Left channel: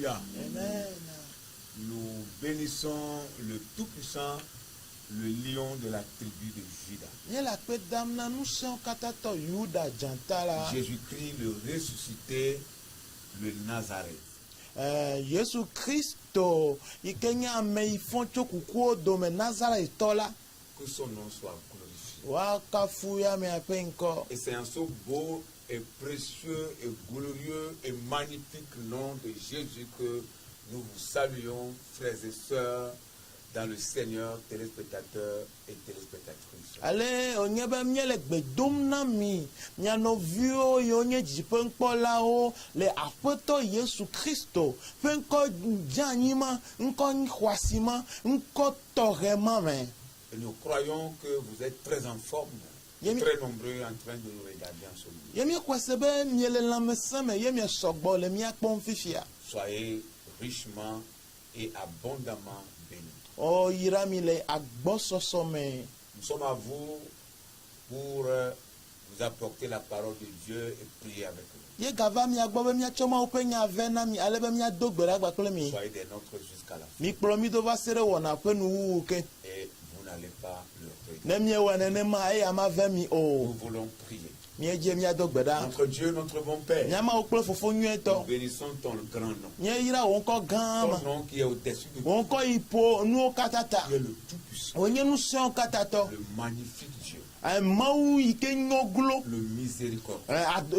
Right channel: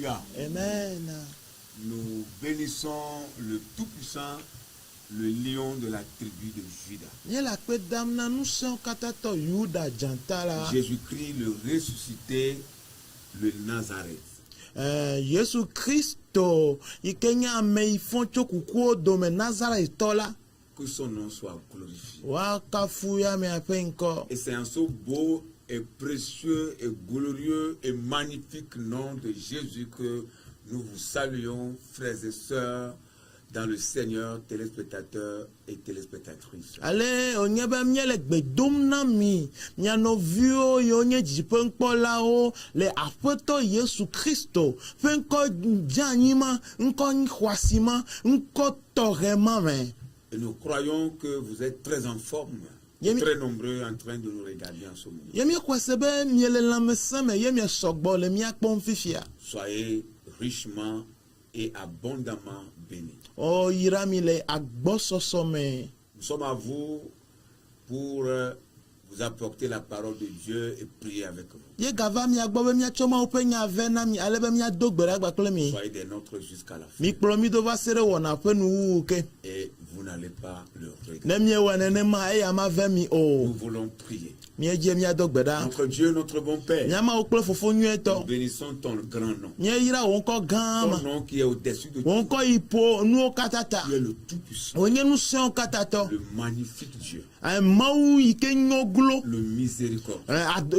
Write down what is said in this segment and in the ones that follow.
Alléluia. Amen. Nous bénissons le Tout-Puissant, le lion de la tribu de Juda. Jésus-Christ, le ressuscité, le Nazareth. Jésus Christo, ikenya meifon chokukuo dome Nazareth tola. Que son nom soit glorifié. Wakafuya me apenko. Et c'est un so beau et précieux et glorieux et magnifique nom de Jésus que nous vous saluons, frères et sœurs, dans le Seigneur, téléspectateurs et téléspectatrices. Allez, on y a bien miel bedum nami, miano vio yonye jipenko lao, le apoto Yesu Christo, penko janima, nko nkwasima, nko torema me. Et nous croyons que vous êtes très en forme, très nombreux en train de nous regarder en ce moment. Yemi kwasebe miele lamesame, yemi sogbo le miakpon fifia. Soyez richement et abondamment bénis. Oh, iramile agbososome. Nous sommes à vous pour vous apporter la parole de Dieu et prier avec vous. Ye gava mi agbobe mi achoma upenya vena mi alebe mi adogbere agbakole mi. Soyez des nôtres jusqu'à la fin. Mi promi do va sere wona penu ke. Et vous n'allez pas le regretter. Ne mi wanene ma e ama vemi o. Nous voulons prier. Mi eje mi adogbeda. Notre Dieu, notre bon Père. Nyama okple fofo nyueto. Nous bénissons ton grand nom. Nye ira wonko gama. Ton nom qui est au-dessus de tout. Wonko ipo nu katata. Tu es le tout-puissant. Onye nu se katato. Le magnifique Dieu. Un maou ike nyoglo. Le miséricorde.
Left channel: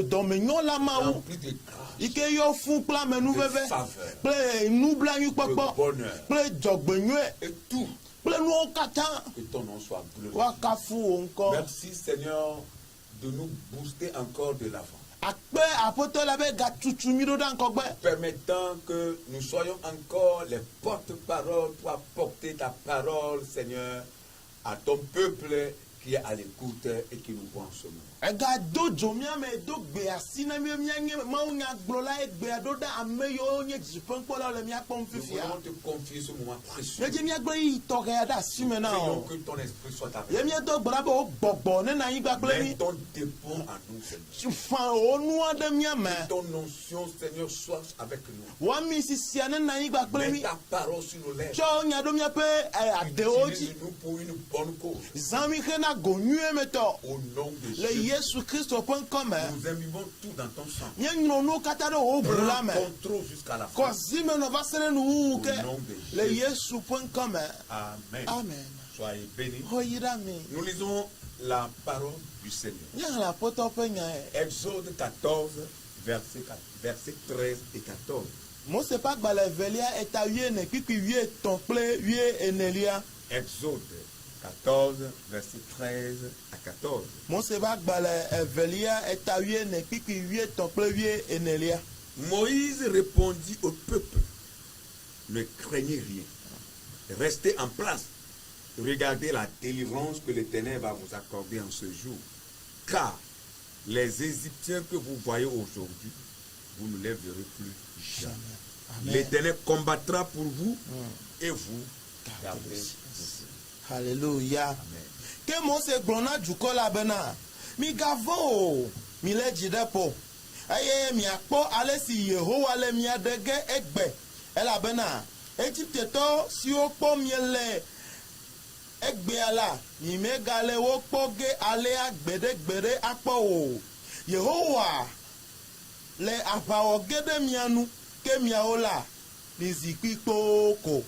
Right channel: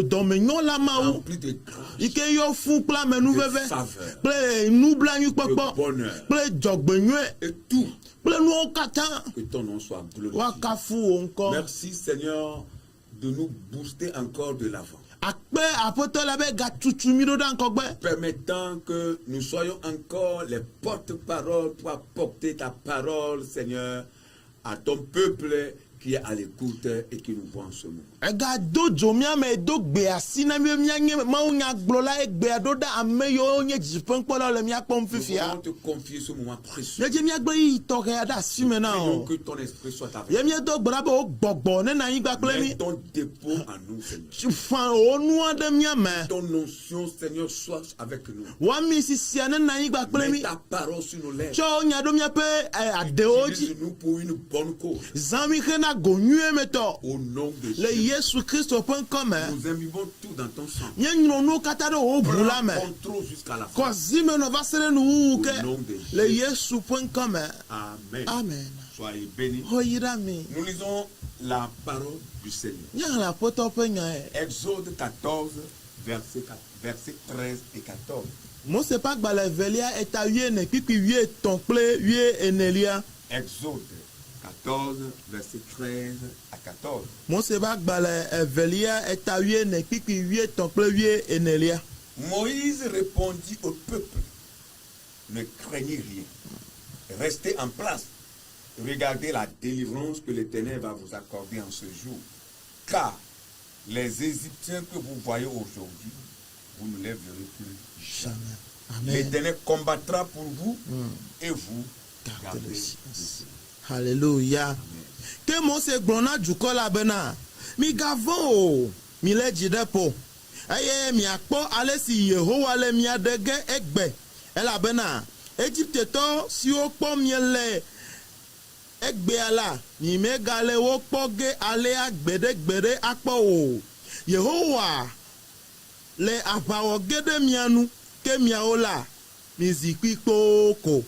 Domenyon la maou. Rempli de grâce. Ike yo fu pla menu veve. Faveur. Ple nu blanyu De popo. bonheur. Ple jogbenyue. Et tout. Ple nu kata. Que ton nom soit glorifié. Wakafu wonko. Merci Seigneur de nous booster encore de l'avant. Akpe apoto la be gatutu do dan kogbe. Permettant que nous soyons encore les porte-paroles pour apporter ta parole, Seigneur, à ton peuple qui est à l'écoute et qui nous voit en ce moment. Ega do jomia me do gbe asina mi nye ma unya gblola e gbe do da ameyo nye jipen kpola le mi akpom Nous fifia. voulons te confier ce moment précieux. Ye je mi agbe yi to ke ada si me na Prions o. que ton esprit soit avec Ye mi do gbra be o gbogbo ne na yin gba nous. kle Mets mi. ton dépôt en nous, Seigneur. Fan o nu ade mi ame. Ton onction, Seigneur, soit avec nous. Wa mi sisia ne na yin gba kle Mets mi. ta parole sur nos lèvres. Cho nya do mi pe ade oji. Utilise-nous pour une bonne cause. Zami kena gonyue me to. Au nom de Le Jésus. Yesu Christo pen comme. Nous imbibons tout dans ton sang. Nye nyino nu kata do o brula me. Prends contrôle jusqu'à la fin. Kozime no va sere nu ke. Au nom de Le Jésus. Yesu pen comme. Amen. Amen. Soyez bénis. Hoyirami. Nous lisons la parole du Seigneur. Nyala poto penya e. Exode 14, versets 13 et 14. Mose pa gbale velia eta wie ne pipi wie tonple wie enelia. Exode 14, versets 13 à 14. Mose pa gbale velia eta wie ne pipi wie tonple wie enelia. Moïse répondit au peuple, ne craignez rien, restez en place, regardez la délivrance que l'Éternel va vous accorder en ce jour. Car les Égyptiens que vous voyez aujourd'hui, vous ne les verrez plus jamais. Amen. L'Éternel combattra pour vous et vous gardez le silence. Alléluia. Amen. Ke Mose glona juko la bena. Mi gavon mi le jidepo. Aye mi akpo ale si Yehowa le mi adege egbe. Ela bena. Egypte to si o po mi le egbe ala. Mi me gale wo po ge ale agbede akpo o. Yehowa le abawo gede mianu ke miaola mi zikpi kpoko.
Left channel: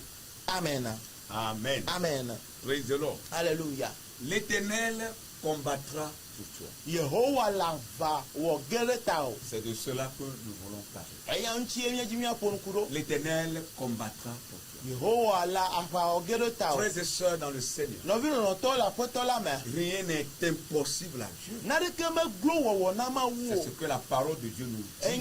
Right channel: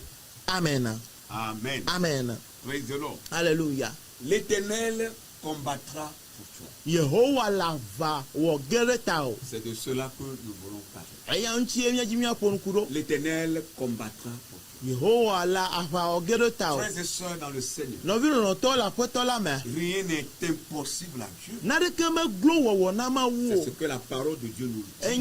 Amen. Amen. Amen. Praise the Lord. Alléluia. L'Éternel combattra pour toi. Yehowa la va wo gere tao. C'est de cela que nous voulons parler. Eya nchi enya jimia pon kuro. L'Éternel combattra pour toi. Yehowa la va wo gere tao. Frères et sœurs dans le Seigneur, No vi no to la poto la me. rien n'est impossible à Dieu. Na de keme glo wo na ma C'est wo. ce que la parole de Dieu nous dit.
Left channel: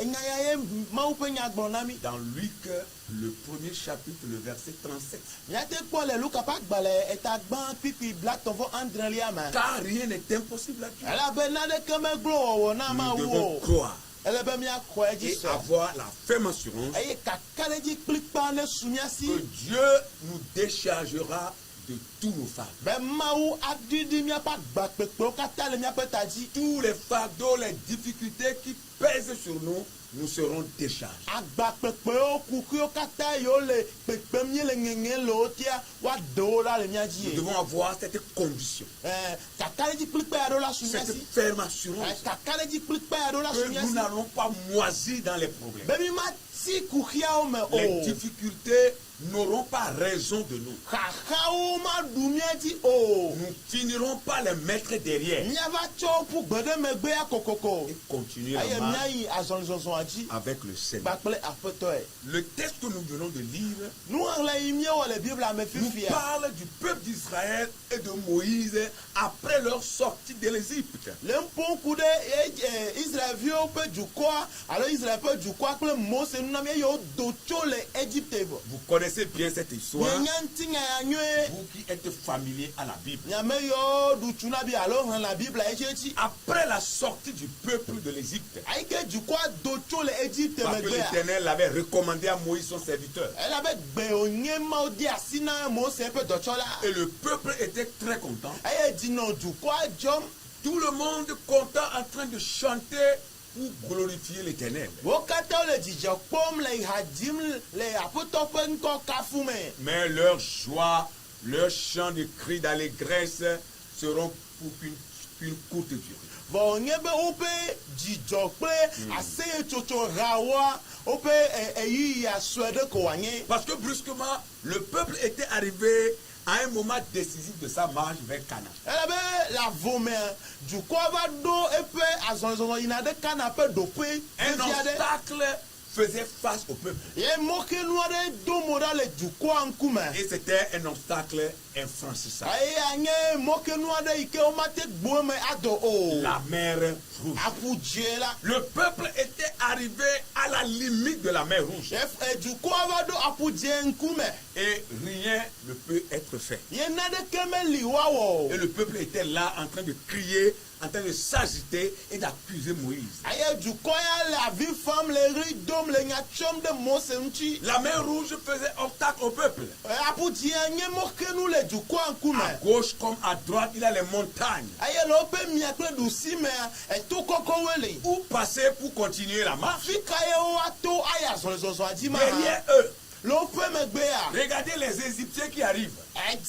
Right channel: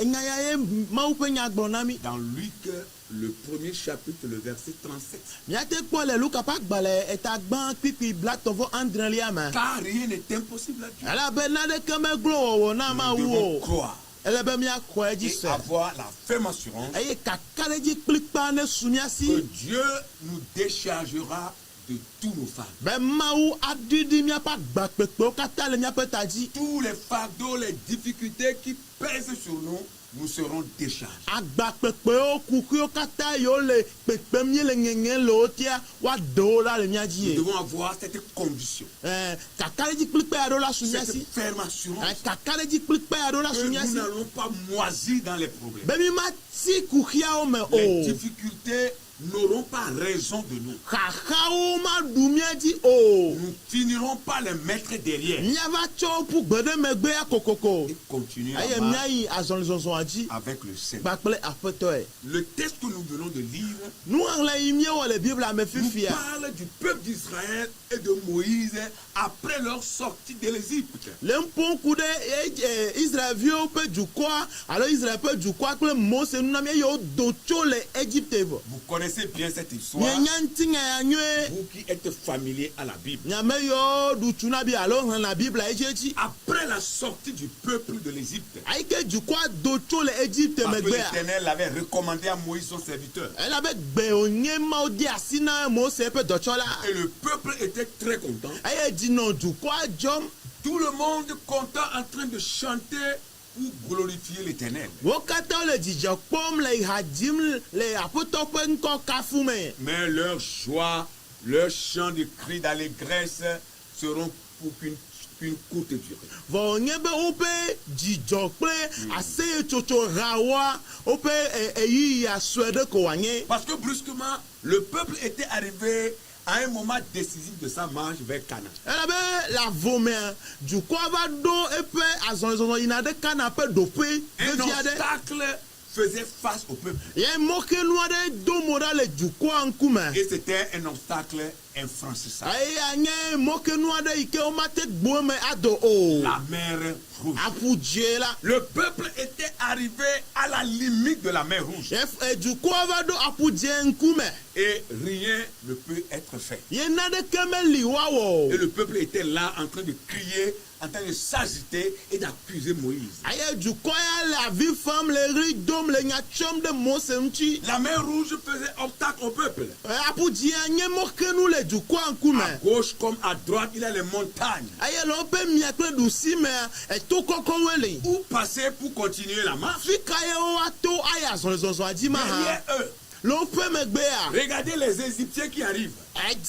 Enyaye ma u pe nya gbona mi. Dans Luc, le premier chapitre, le verset 37. Mia te po le Luka pa gbale eta gban pipi black tovo andre lia me. Car rien n'est impossible à Dieu. Ala be na de keme glo wo na ma Nous devons wo. croire Ele be mia ko eji et se. avoir la ferme assurance Eye kakale ji klikpa ne sunya si. que Dieu nous déchargera de tous nos fardeaux. Ben maou adidi mia pa gbakpekpe o kata le mia pe taji. Tous les fardeaux, les difficultés qui pèsent sur nous, nous serons déchargés. agbakpekpewo kukuwo katã yiwo le kpekpem mie le ŋeŋe le wo tia woaɖewo la le mía dzi Nous ye devons avoir cette conviction, kakaɖedzi kplikpe aɖewo la su mía cette si ferme assurance kakaɖedzi kplikpe aɖewo la que su mía nous si n'allons pas moisir dans les problèmes. be mi ma ti kuxiawo me Les o difficultés n'auront pas raison de nous. xaxawo ma ɖu mía dzi o Nous finirons par les mettre derrière míava tsɔ ƒu gbe ɖe megbea kokoko et continuer eye la marche míayi azɔlizɔzɔa dzi avec le Seigneur. kpakple aƒetɔe Le texte que nous venons de lire nuxlẽ yi míewɔ le biblia me nous fifia parle du peuple d'Israël et de Moïse après leur sortie de l'Égypte. le ŋƒom ku ɖe israelviwo ƒe dukɔa alo israel ƒe dukɔa kple mose nunami eye wodo tso le egypte vɔ Vous connaissez bien cette histoire, mienya ŋutinya ya nyuie vous qui êtes familier à la Bible. nyame yiwo ɖu tsu na bi alo xlẽna biblia yi tsetsi Après la sortie du peuple de l'Égypte, ayi ke dukɔa do tso le egypte parce que megbea l'Éternel avait recommandé à Moïse son serviteur. elabe gbe wònye mawo de asi na mose ƒe dɔtsɔla Et le peuple était très content. eye dzinɔ dukɔa dzɔm Tout le monde content en train de chanter pour glorifier l'Éternel. wo katã wole dzidzɔ kpɔm le ha dzim le aƒetɔ ƒe ŋkɔ kafu me Mais leur joie, leur chant de cri d'allégresse seront pour une courte durée. vɔ wònye be woƒe dzidzɔ kple aseyetsotso hawoa woƒe eyiya sue ɖe ko wòanye Parce que brusquement, le peuple était arrivé à un moment décisif de sa marche vers Canaan. elabe le avomea dukɔa va ɖo eƒe azɔlizɔzɔ yina ɖe kana ƒe ɖoƒe Un vevi aɖe obstacle faisait face au peuple. ye mɔkenu aɖe do mo ɖa le dukɔa ŋkume Et c'était un obstacle infranchissable. eye anye mɔkenu aɖe yi ke womate gbo eme adɔ o La mer rouge. aƒu dzie la Le peuple était arrivé à la limite de la mer rouge. dukɔa va ɖo aƒu dzie ŋkume Et rien ne peut être fait. ye naɖeke meli woawɔ Et o le peuple était là en train de crier, en train de s'agiter et d'accuser Moïse. eye dukɔ ya le avi fam le ɣli dom le nya tsɔm ɖe mose ŋuti La mer rouge faisait obstacle au peuple. aƒu dzie nye mɔkenu le dukɔa ŋkume À gauche comme à droite, il y a les montagnes. eye le woƒe mia kple ɖusimea eto kɔkɔwoe li Où passer pour continuer la marche? fi ka ye woato ayi azɔlizɔzɔa dzi ma Derrière hã eux, le woƒe megbea regardez les Égyptiens qui arrivent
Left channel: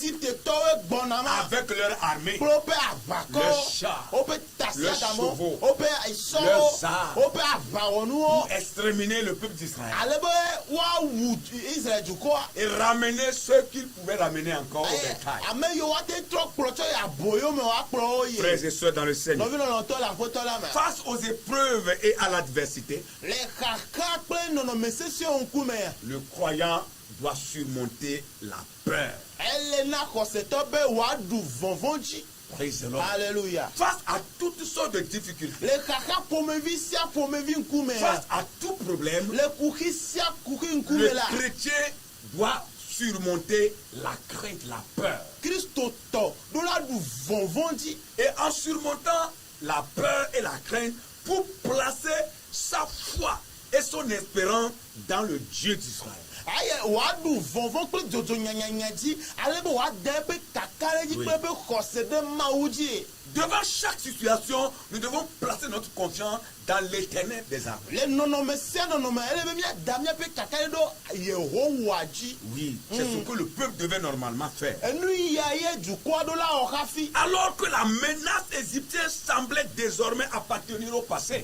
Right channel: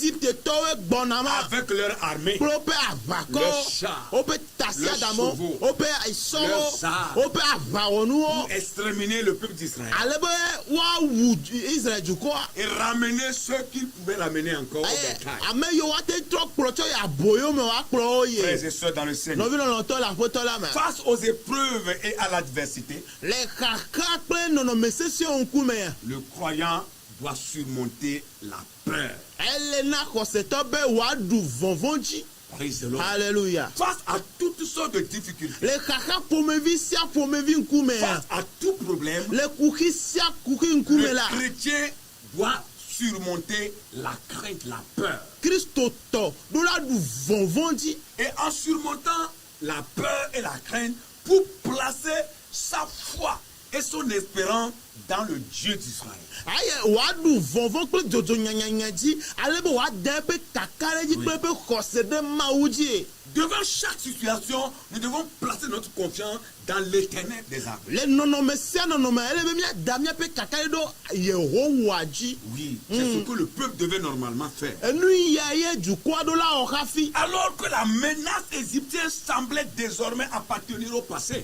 egiptetɔwoe gbɔna ma avec leur armée. kple woƒe Le aʋakɔwo char, woƒe le tasiadamo chevaux, woƒe le sɔwo zar, woƒe aʋawɔnuwo pour exterminer le peuple d'Israël ale be woawu israel dukɔa et ramener ceux qu'ils pouvaient ramener encore au eye bétail. ame yiwo woate trɔ kplɔ tsɔ yi aboyo me woakplɔ wo yi Frères et sœurs dans le Seigneur, nɔvi lɔlɔtɔ le aƒetɔ la me face aux épreuves et à l'adversité, le xaxa kple nɔnɔme sesiwo ŋkumea le croyant doit surmonter la peur. ele na xɔsetɔ be wòaɖu vɔvɔ̃ dzi Praise the Lord. Alléluia. Face à toutes sortes de difficultés, Le xaxa ƒomevi sia ƒomevi ŋkume face à tout problème, le kuxi sia kuxi ŋkume le la chrétien doit surmonter la crainte, la peur. kristotɔ ɖo la ɖu vɔvɔ̃ dzi Et en surmontant la peur et la crainte pour placer sa foi et son espérance dans le Dieu d'Israël. aye wòaɖu vɔvɔ̃ kple dzodzo nyanyanya dzi ale be wòada eƒe kaka ɖe dzi kple eƒe xɔse ɖe mawu dzi Devant chaque situation, nous devons placer notre confiance dans l'éternel des armées. le nɔnɔme sia nɔnɔme ele be míada míaƒe kaka ɖe ɖo yehowa dzi Oui, c'est ce que le peuple devait normalement faire. enu ya ye dukɔa ɖo la wɔ hafi Alors que la menace égyptienne semblait désormais appartenir au passé.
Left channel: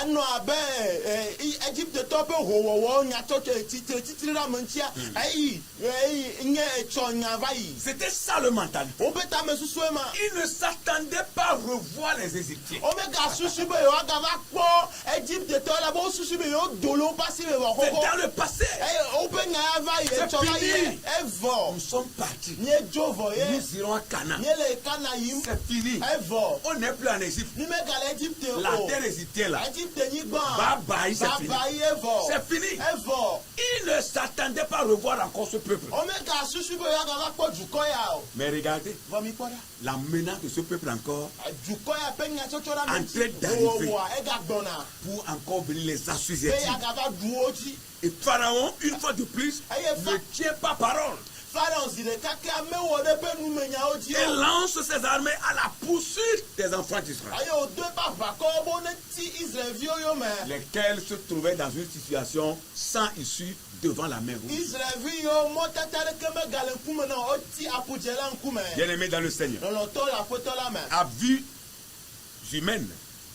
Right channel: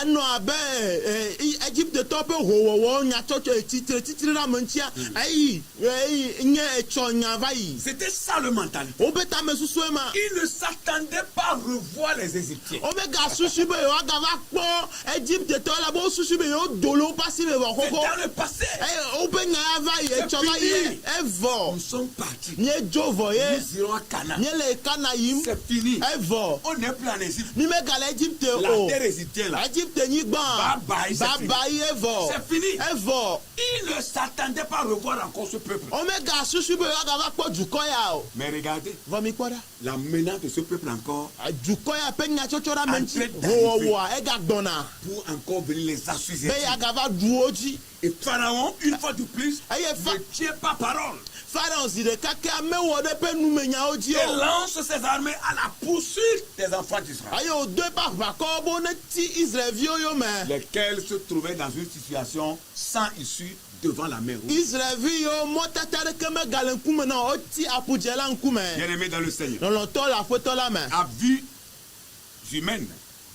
anɔ abe egyptetɔ ƒe howɔwɔ nyatsɔtsɔ titiri la me ŋutia eyi nye etsɔ nya va yi C'était ça le mentalité. woƒe tame susue ma Ils ne s'attendaient pas à revoir les Égyptiens. womega susu be yewoagava kpɔ egyptetɔ la be wosusu be yewodo le woƒe asi me C'est vɔ xoxo dans le passé. eye woƒe nya ya va yi etsɔ va yi evɔ Nous sommes partis. míedzo vɔ ye Nous irons à Canaan. míele kana yim C'est fini. evɔ On n'est plus en Égypte. mímegale egypte La o terre égyptienne là. egypte nyigba Bye bye, c'est fini. baba yi evɔ C'est fini. evɔ Ils ne s'attendaient pas à revoir encore ce peuple. omega susu be yewoagava kpɔ dukɔ ya o Mais regardez, vɔ mi kpɔ ɖa la menace de ce peuple encore dukɔ ya ƒe nyatsɔtsɔ ɖa me ŋuti Entrée d'arrivée. wɔwɔa ega gbɔna pour encore venir les be assujettir. yeagava ɖu wo dzi Et Pharaon, une fois de plus, eye ne tient pas parole. Pharaon zi ɖeka ke amewɔ ɖe ƒe numenyawo dzi Et o. lance ses armées à la poursuite des enfants d'Israël, Eye wòdo eƒe aʋakɔwo bo neti Israelviwo yome. lesquels se trouvaient dans une situation sans issue devant la mer Rouge. Israelvi yiwo mɔtata ɖeke megale ŋkume na o, woti aƒudze la ŋkume. Bien-aimés dans le Seigneur, Lɔlɔ̃tɔ le aƒetɔ la me. à vue humaine,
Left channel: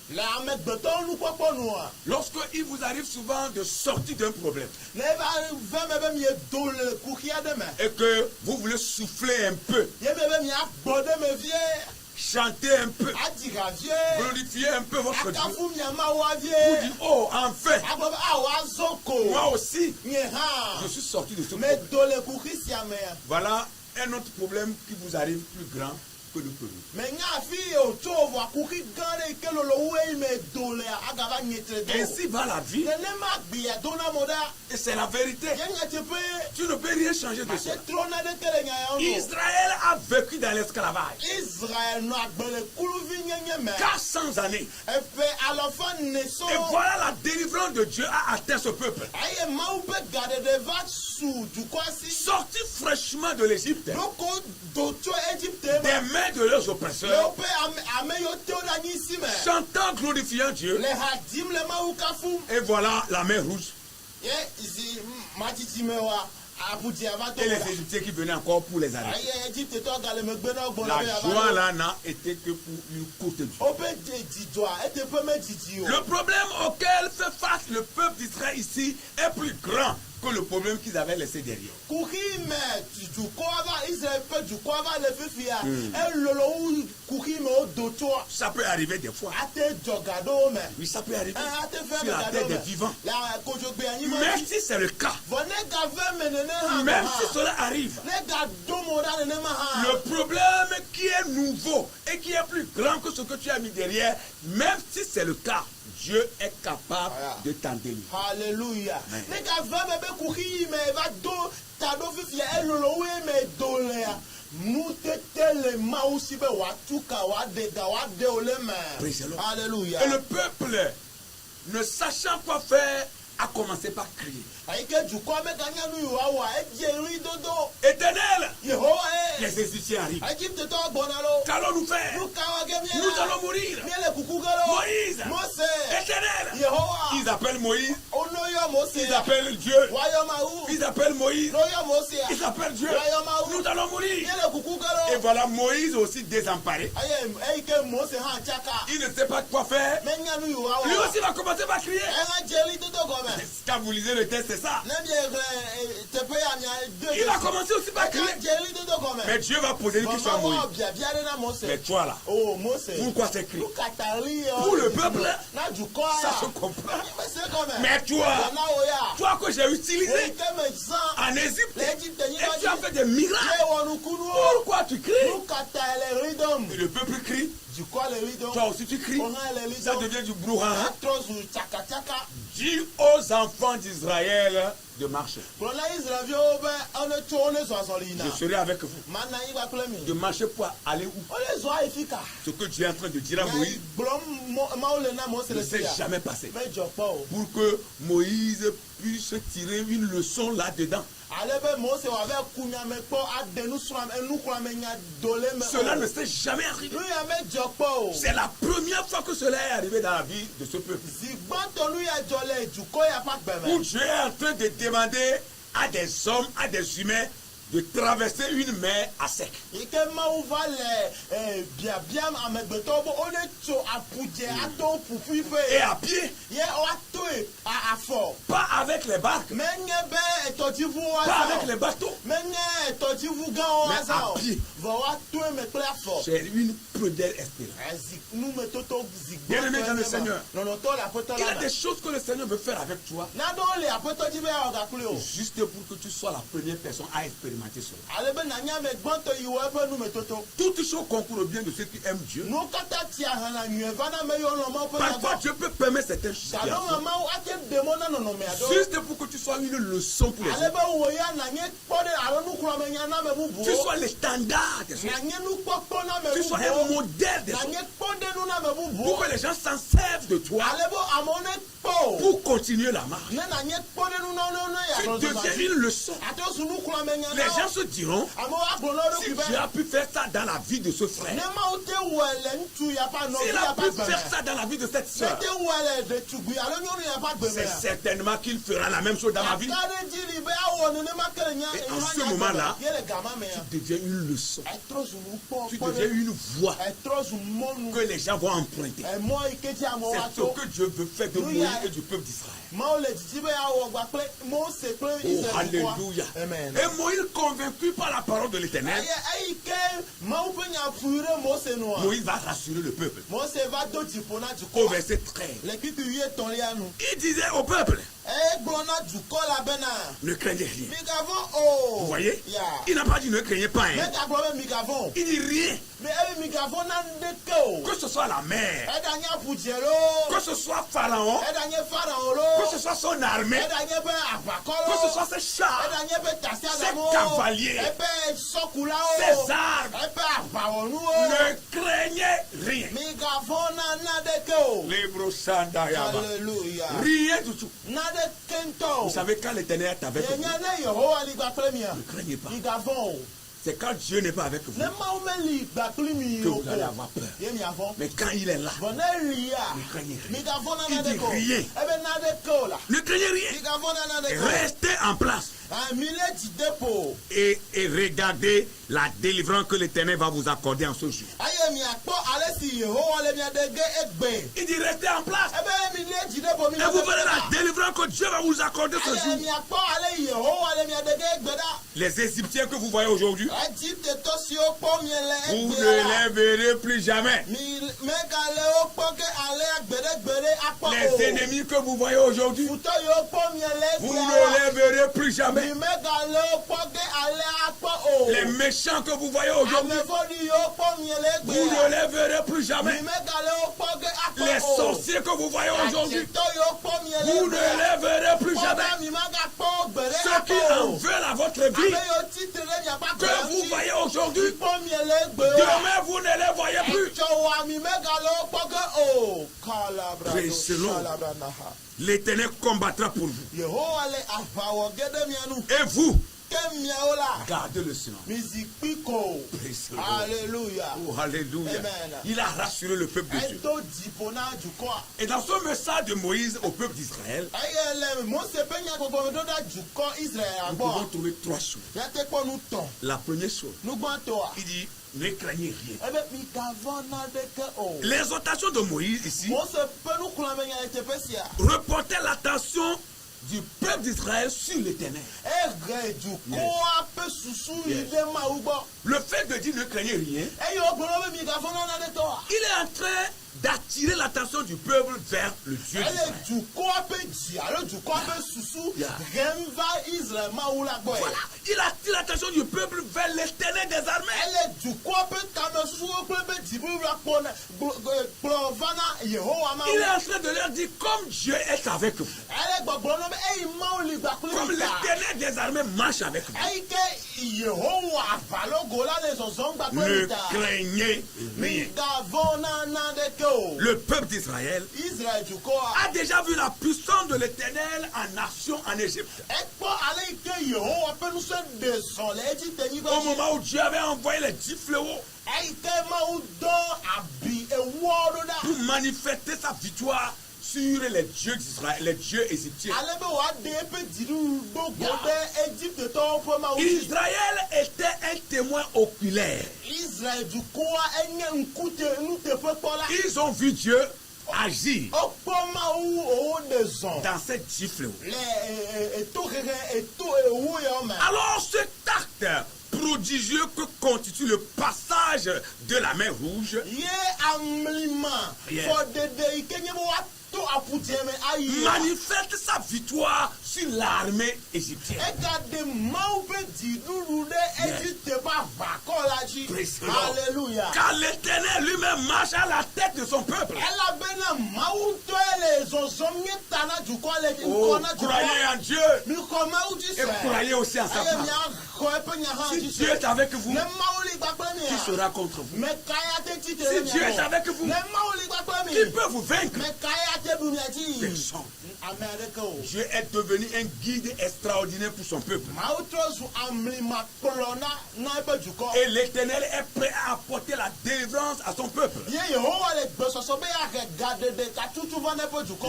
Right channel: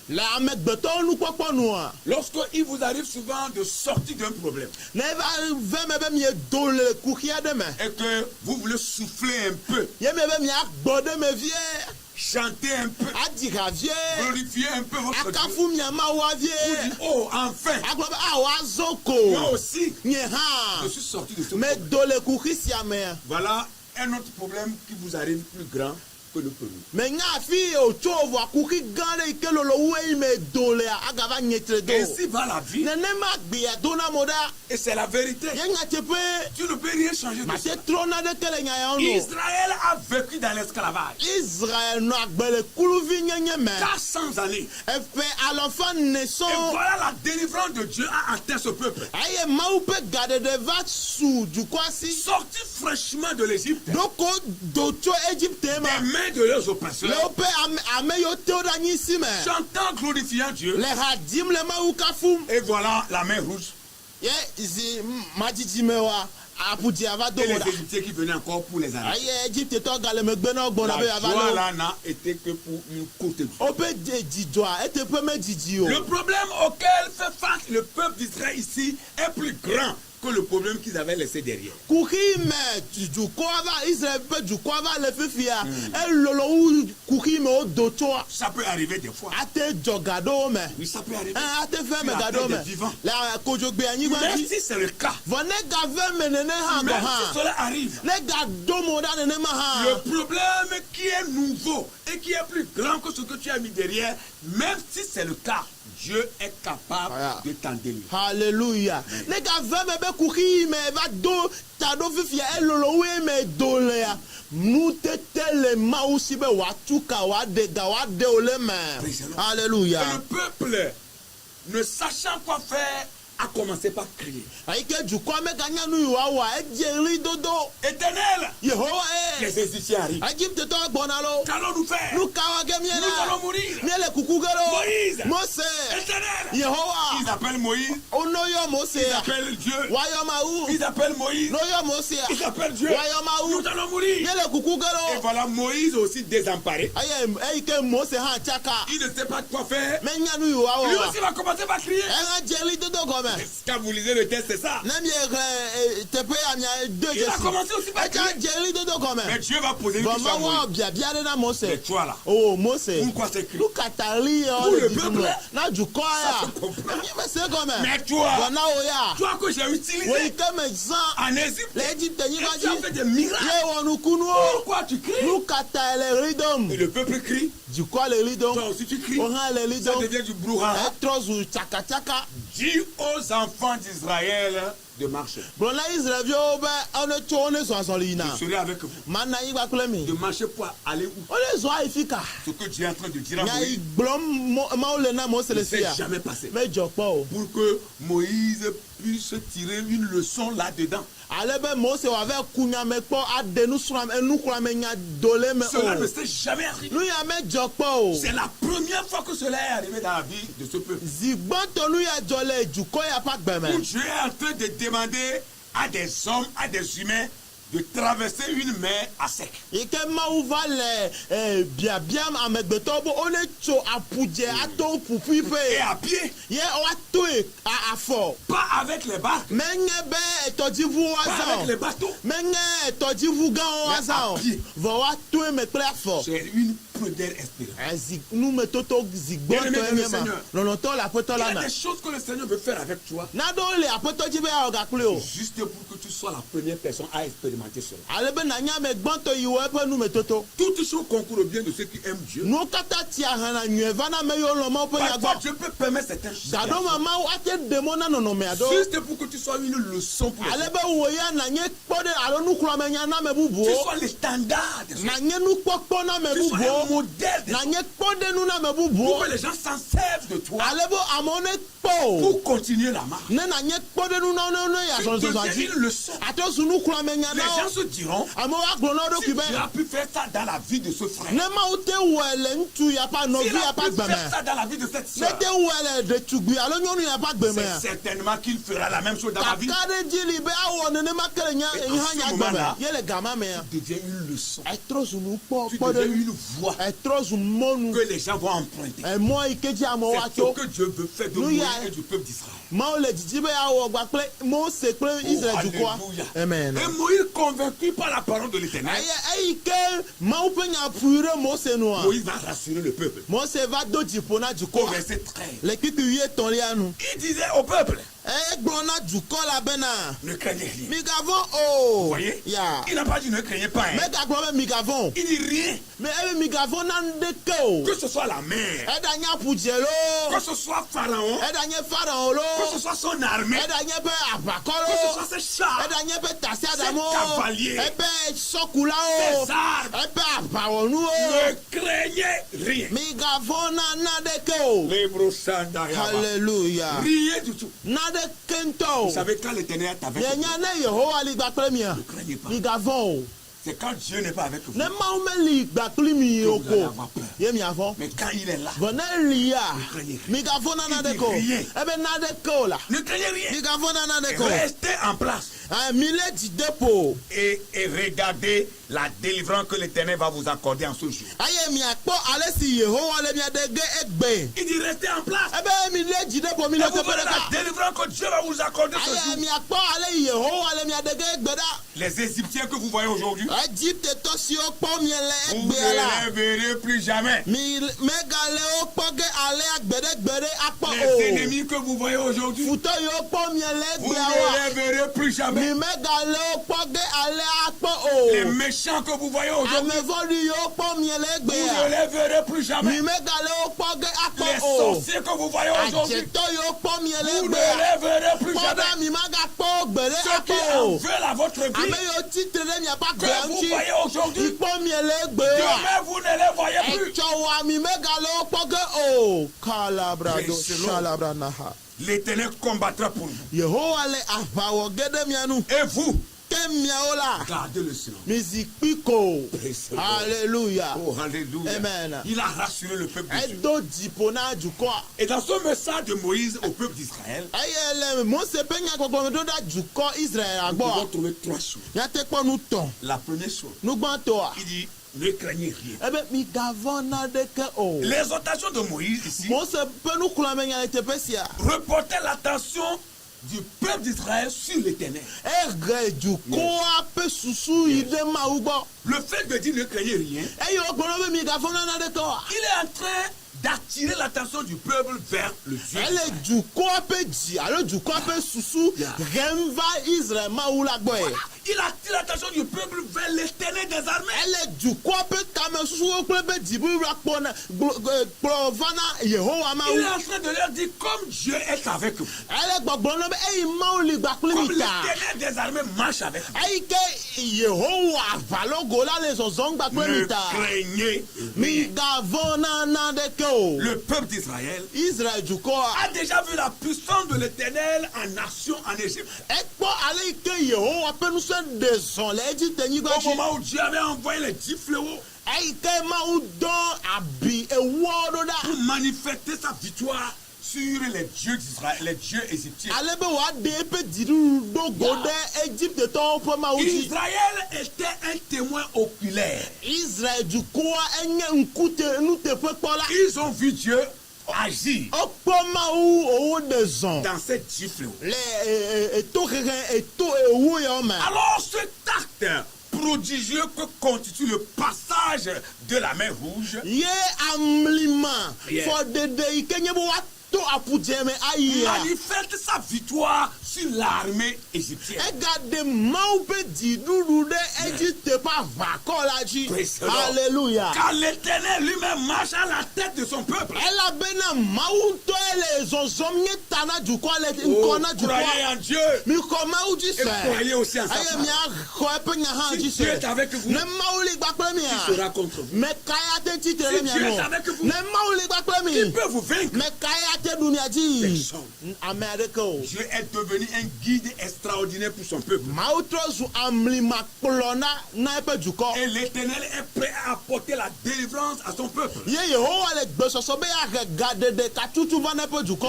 Le amegbetɔwo nukpɔkpɔ nua. lorsque il vous arrive souvent de sortir d'un problème Ne eva ve me be miedo le kuxi aɖe me. et que vous voulez souffler un peu, Ye me be miagbɔ ɖe me vie. chanter un peu, Adi ha vie. glorifier un peu votre Dieu, Akafu miamawoa vous vie. dites, oh, enfin, Agblɔ be wòazɔ ko. moi aussi, Nye je hã. suis sorti de ce problème. Medo le kuxi sia me. Voilà un autre problème qui vous arrive plus grand que le premier. Me nya afi wòtso vɔa kuxi gã ɖe yi ke lolo wue me do lea agava nyetre do. Ainsi va la vie Nenema gbea dona mo ɖa. et c'est la vérité. Ye nya teƒe. Tu ne peux rien changer de Mate ça. trɔna ɖeke le nya yawo nu. Israël a vécu dans l'esclavage Israël nɔ agbe le kuluvi nyenye me. 400 années. Eƒe alɔfa ne Et sɔŋ. voilà la délivrance de Dieu a atteint ce peuple. Eye Mawu ƒe gaɖeɖe va su dukɔa si. Sorti fraîchement de l'Égypte, Ɖoko do tso Egypte me. des mains de leurs Le oppresseurs, woƒe ame yiwo te ɖe anyi si me. chantant, glorifiant Dieu. Le ha dim le Mawu kafum. Et voilà la mer rouge. Ye zi madzidzi me wa aƒudzia va do Et les ɖa. Égyptiens qui venaient encore pour les arrêter. Eye Egyptetɔ gale megbe na wo gbɔna be La yava joie lé là n'a été que pour une courte durée. wo. Woƒe dzidzɔa eteƒe medidi o. Le problème auquel fait face le peuple d'Israël ici est plus grand que le problème qu'ils avaient laissé derrière. Kuxi me dukɔa va Israel ƒe dukɔa va le fifia. Elolo wu kuxi me wodo tsoa. Ça peut arriver des fois. Ate dzɔ ga ɖe wo me. Oui, ça peut arriver Ate fe sur me la ga terre ɖe des wo me. vivants. Le kodzogbe anyigba Même dzi. si c'est le cas, Vɔ ne gave me nene hã même gɔ si hã. cela arrive, Ne ga do mo ɖa nenema hã. le problème qui est nouveau et qui est plus grand que ce que tu as mis derrière, même si c'est le cas, Dieu est capable Voilà. de t'en délivrer. Hallelujah. Ne gave me be kuxi me va do ta ɖo fifia elolo wu me do lea. Nutete le Mawu si be wòatu ka wòaɖe ga wòaɖe wo le me. Praise the Lord. Hallelujah. Et le peuple, ne sachant quoi faire, a commencé par crier. Ayi ke dukɔa meganya nu yi wòawɔa edze ɣli dodo. Éternel, Yehowa ye. les Égyptiens arrivent. Egyptetɔwo gbɔna lo. Qu'allons-nous faire? Nu kawo ge mie Nous la. allons mourir. Miele kuku ge lo. Moïse, Mose. Éternel, Yehowa. ils appellent Moïse, Onoyɔ Mose. ils appellent Dieu, Wayɔ Mawu. ils appellent Moïse, Noyɔ Mose. ils appellent Dieu. Wayɔ Mawu. Nous allons mourir. Miele kuku ge Et lo. voilà Moïse aussi désemparé. Ayi eyi ke Mose hã tsaka. Il ne sait pas quoi faire. Menya nu yi Lui wòawɔ. aussi va commencer par crier. Ɛhã dze ɣli dodo gɔme. Quand vous lisez le texte, c'est ça. Ne miehe teƒe ya mia do Il a commencé aussi par crier. Eka dze ɣli dodo gɔme. Mais Dieu va poser une question à Moïse. Vɔvɔvɔ biabia ɖe na Mose. Mais toi là, O Mose. pourquoi ces cris? Nu katali yɛ Pour le peuple. na dukɔ Ça ya. se comprend. Nye se gɔme. Mais toi, Bɔna wo ya. toi que j'ai Wo utilisé yi ke me zã en Égypte, le Egypte et nyigba tu as dzi. fait des miracles. Ye wɔ nukunuwo. Pourquoi tu cries? Nu kata le ɣli dom. Et le peuple crie. Dukɔ le ɣli dom. Toi aussi tu cries. O hã le ɣli Ça dom. devient du brouhaha. Etrɔ zu tsakatsaka. Dis aux enfants d'Israël de marcher. Gblɔ na Israelviwo be ane tso wo ne zɔ azɔli yina. Je serai avec vous. Mana anyigba kple mi. De marcher pour aller où? Wo ne zɔ ayi fi ka. Ce que Dieu est en train de dire à Nya yi Moïse gblɔm Mawu le na Mose ne le s'est fia. jamais passé. Medzɔ kpɔ o. Pour que Moïse puisse tirer une leçon là-dedans. Ale be Mose wòava kunyame kpɔ aɖe nuxlɔ̃amenya do le me Cela ne o. s'est jamais arrivé. Nu ya medzɔ kpɔ o. C'est la première fois que cela est arrivé dans la vie de ce peuple. Zi gbɔtɔ nu ya dzɔ le dukɔ ya ƒe Où agbeme. Dieu est en train de demander à des hommes, à des humains, de traverser une mer à sec. Yi ke Mawu va le biabiam amegbetɔwo be wone tso aƒudze ato ƒuƒui Et ƒe. à pied, Ye woatoe afɔ. pas avec les barques, Menye be tɔdziʋuwo pas avec azã les o. bateaux. Menye tɔdziʋu gãwo Mais azã o. à pied. Vɔ woatoe me kple afɔ. C'est une première espérance. Zi numetoto zi Bien-aimé gbɔtɔ dans le ye ma. Seigneur. Lɔlɔtɔ le aƒetɔ Il y la a me. des choses que le Seigneur veut faire avec toi, Naɖewo le aƒetɔ dzi be yeawɔ gakpli o. juste pour que tu sois la première personne à expérimenter cela. Ale be nanya ame gbɔtɔ yi wɔ eƒe numetoto. Toutes choses concourent au bien de ceux qui aiment Dieu. Nuwo katã tia hana nyuie va na ame yiwo lɔ Mawu ƒe Parfois, nyagbɔ. Dieu peut permettre certaines Gaɖo situations me Mawu ate ɖe mɔ na nɔnɔme aɖewo. juste pour que tu sois une leçon pour les Ale autres. be wò ya nanye kpɔ ɖe alo nuxlɔ̃amenya na ame Tu bubuwo. sois le standard des autres. Nanye nukpɔkpɔ na ame Tu sois un bubuwo. modèle des autres. Nanye kpɔɖenu na ame Pour bubuwo. que les gens s'en servent de toi Ale be amewo ne kpɔ o. pour continuer la marche. Ne nanye kpɔɖenu na ne Tu yazɔ zɔzɔ deviens dzi. une leçon. Ato su nuxlɔ̃amenya Les les gens se diront, amewo agblɔ na wo si ɖokui be Dieu a pu faire ça dans la vie de ce frère, ne Mawu te wɔe le ŋutsu ya ƒe nɔvi s'il ya a ƒe pu faire agbeme ça dans la vie de cette ne sœur, te wɔe le ɖetugbui alo nyɔnu ya ƒe agbeme c'est certainement qu'il fera la même chose dans ma vie. kaka ɖe dzi li be awɔ nenema ke le nya Et en ce moment-là, ye le gama mea tu deviens une leçon, etrɔ zu nu tu kpɔ deviens ɖe une voie etrɔ zu mɔnu que les gens vont emprunter. emɔ yi ke dzi amewo C'est ce atso que Dieu veut faire de Nous, Moïse y a- et du peuple d'Israël. Mawu le didi be awɔ gba kple Mose kple Oh, Israel alléluia. dukɔa amen Et Moïse, convaincu par la parole de l'Éternel, eyi ke Mawu ƒe nya ƒui ɖe Mose nua Moïse va rassurer le peuple. Mose va do dziƒo na Au dukɔ verset 13, le kpikpi wuietɔ̃lia nu il disait au peuple, egblɔ na dukɔ la bena ne craignez rien. migavɔ̃ Vous o voyez? ya Il n'a pas dit ne craignez pas. Hein. megagblɔ be migavɔ̃ o Il dit rien. me ebe migavɔ̃ na ŋɖeke o Que ce soit la mer, eɖanye aƒudze lo que ce soit Pharaon, eɖanye Pharaon lo que ce soit son armée, eɖanye be aʋakɔ que ce soit lo ses chars, eɖanye be tasiaɖamwo Ces cavaliers, ebe sɔkulawo ses armes, ebe aʋawɔnuwo ne craignez rien. migavɔ̃ na naɖeke o Libro Sanda Yaba. hallelujah Rien du tout. naɖeke ŋutɔ o Vous savez quand l'Éternel est avec vous, yenya ne Yehowa li gba kple mia ne craignez pas. migavɔ̃ o C'est quand Dieu n'est pas avec vous ne Mawu meli gba kpli mi que o vous allez ko avoir peur. ye miavɔ̃ Mais quand il est là, vɔ ne lia craignez migavɔ̃ na Il dit naɖeke o rien. ebe naɖeke o la ne craignez rien. migavɔ̃ na naɖeke o Restez en place mi le dzideƒo et regardez la délivrance que l'Éternel va vous accorder en ce jour. eye miakpɔ ale si Yehowa le mia ɖe ge egbe Il dit restez en place ebe mi le dzideƒo mi et le vous verrez la délivrance que Dieu va vous accorder ce eye jour. miakpɔ ale Yehowa le mia ɖe ge egbe ɖa Les Égyptiens que vous voyez aujourd'hui, Egiptetɔ siwo kpɔ mie le vous ne egbea la les verrez plus jamais. mi megale wo kpɔ ge ale gbeɖegbeɖe akpɔ Les o ennemis que vous voyez aujourd'hui, futɔ yiwo kpɔ mie le vous ne egbea les verrez plus la mi jamais. megale wo kpɔ ge ale akpɔ Les o méchants que vous voyez aujourd'hui, amevɔɖi yiwo kpɔ mie le vous ne egbea les verrez plus mi jamais. megale wo kpɔ ge Les akpɔ o sorciers que vous voyez aujourd'hui, adzetɔ yiwo kpɔ mie le vous ne egbea les verrez plus kpɔ jamais. be mi megakpɔ wo gbeɖe Ceux qui akpɔ en o veulent à votre ame vie, yiwo titre ɖe miaƒe que agbe vous ŋuti voyez aujourd'hui, kpɔ mie le egbe demain vous ne les voyez plus. etsɔ wa mi megale wo kpɔ ge o kalabrado Praise the Lord. salabranaha L'Éternel combattra pour vous. Yehowa le aʋa wɔ ge ɖe mia nu Et vous, ke miawo la gardez le silence. mizi kpi ko Praise the Lord. alléluia Oh, alléluia. Amen. Il a rassuré le peuple de Dieu. edo dziƒo na dukɔa Et dans ce message de Moïse au peuple d'Israël, eye le Mose ƒe nyagbɔgbɔme ɖo ɖa dukɔ Israel nous pouvons gbɔ trouver trois choses. miate kpɔ nu tɔn La première chose, nugbãtɔa il dit, ne craignez rien. ebe migavɔ̃ naɖeke o L'exhortation de Moïse ici Mose ƒe nukplɔame nya le teƒe sia reportait l'attention du peuple d'Israël sur l'Éternel. ehe dukɔa ƒe susu yi ɖe Mawu gbɔ Le fait de dire ne craignez rien, eye wogblɔ na be migavɔ̃ na naɖeke oa il est en train d'attirer l'attention du peuple vers le Dieu ele d'Israël. dukɔa ƒe dzi alo dukɔa ƒe susu Yeah. hem va Israel Mawu la gbɔe Voilà, il attire l'attention du peuple vers l'Éternel des armées. ele dukɔa ƒe kame susuwo kple be dziɖuɖu la kplɔ va na Yehowa Il est Mawu en train de leur dire comme Dieu est avec vous, ele gbɔgblɔ na be eyi Mawu li gba kpli comme mi ta l'Éternel des armées marche avec vous. eyi ke Yehowa aʋalogo la le zɔzɔm gba kpli Ne mi ta craignez rien. migavɔ̃ na naɖeke o Le peuple d'Israël Israel dukɔa a déjà vu la puissance de l'Éternel en action en Égypte. ekpɔ ale yi ke Yehowa ƒe nusẽ ɖe zɔ le Egiptenyigba Au dzi moment où Dieu avait envoyé les 10 fléaux eyi ke Mawu dɔ abi ewuawo ɖo ɖa pour manifester sa victoire sur les dieux d'Israël, les dieux égyptiens. ale be wòaɖe eƒe dziɖuɖu ɖo go ɖe Egiptetɔwo ƒe Mawu dzi Israël était un témoin oculaire. Israel dukɔa enye nuteƒekpɔla Ils ont vu Dieu agir wokpɔ Mawu wòwo ɖe zɔ dans ces 10 fléaux. le etohehe eto ewu yawo me Alors cet acte prodigieux que constitue le passage de la mer Rouge ye amlima Yeah. fɔɖeɖe yi ke nye be woato aƒudze me ayi manifeste sa victoire sur l'armée égyptienne. egaɖe Mawu ƒe dziɖuɖu ɖe Egipte ƒe aʋakɔ la dzi Praise the Lord. Alléluia Car l'Éternel lui-même marche à la tête de son peuple. elabena Mawu ŋutɔe le zɔzɔm nye ta na dukɔa le Oh, ŋkɔ na croyez dukɔa en Dieu mi xɔ Mawu dzi et sɛ croyez aussi en sa eye parole. miaxɔ eƒe nya hã Si dzi Dieu est sɛ avec vous, ne Mawu li gba kple qui mia sera contre vous? mekaya Si Dieu est avec vous, qui peut vous vaincre? Personne. Dieu est devenu un guide extraordinaire pour son peuple. Et l'Éternel est prêt à apporter la délivrance à son peuple.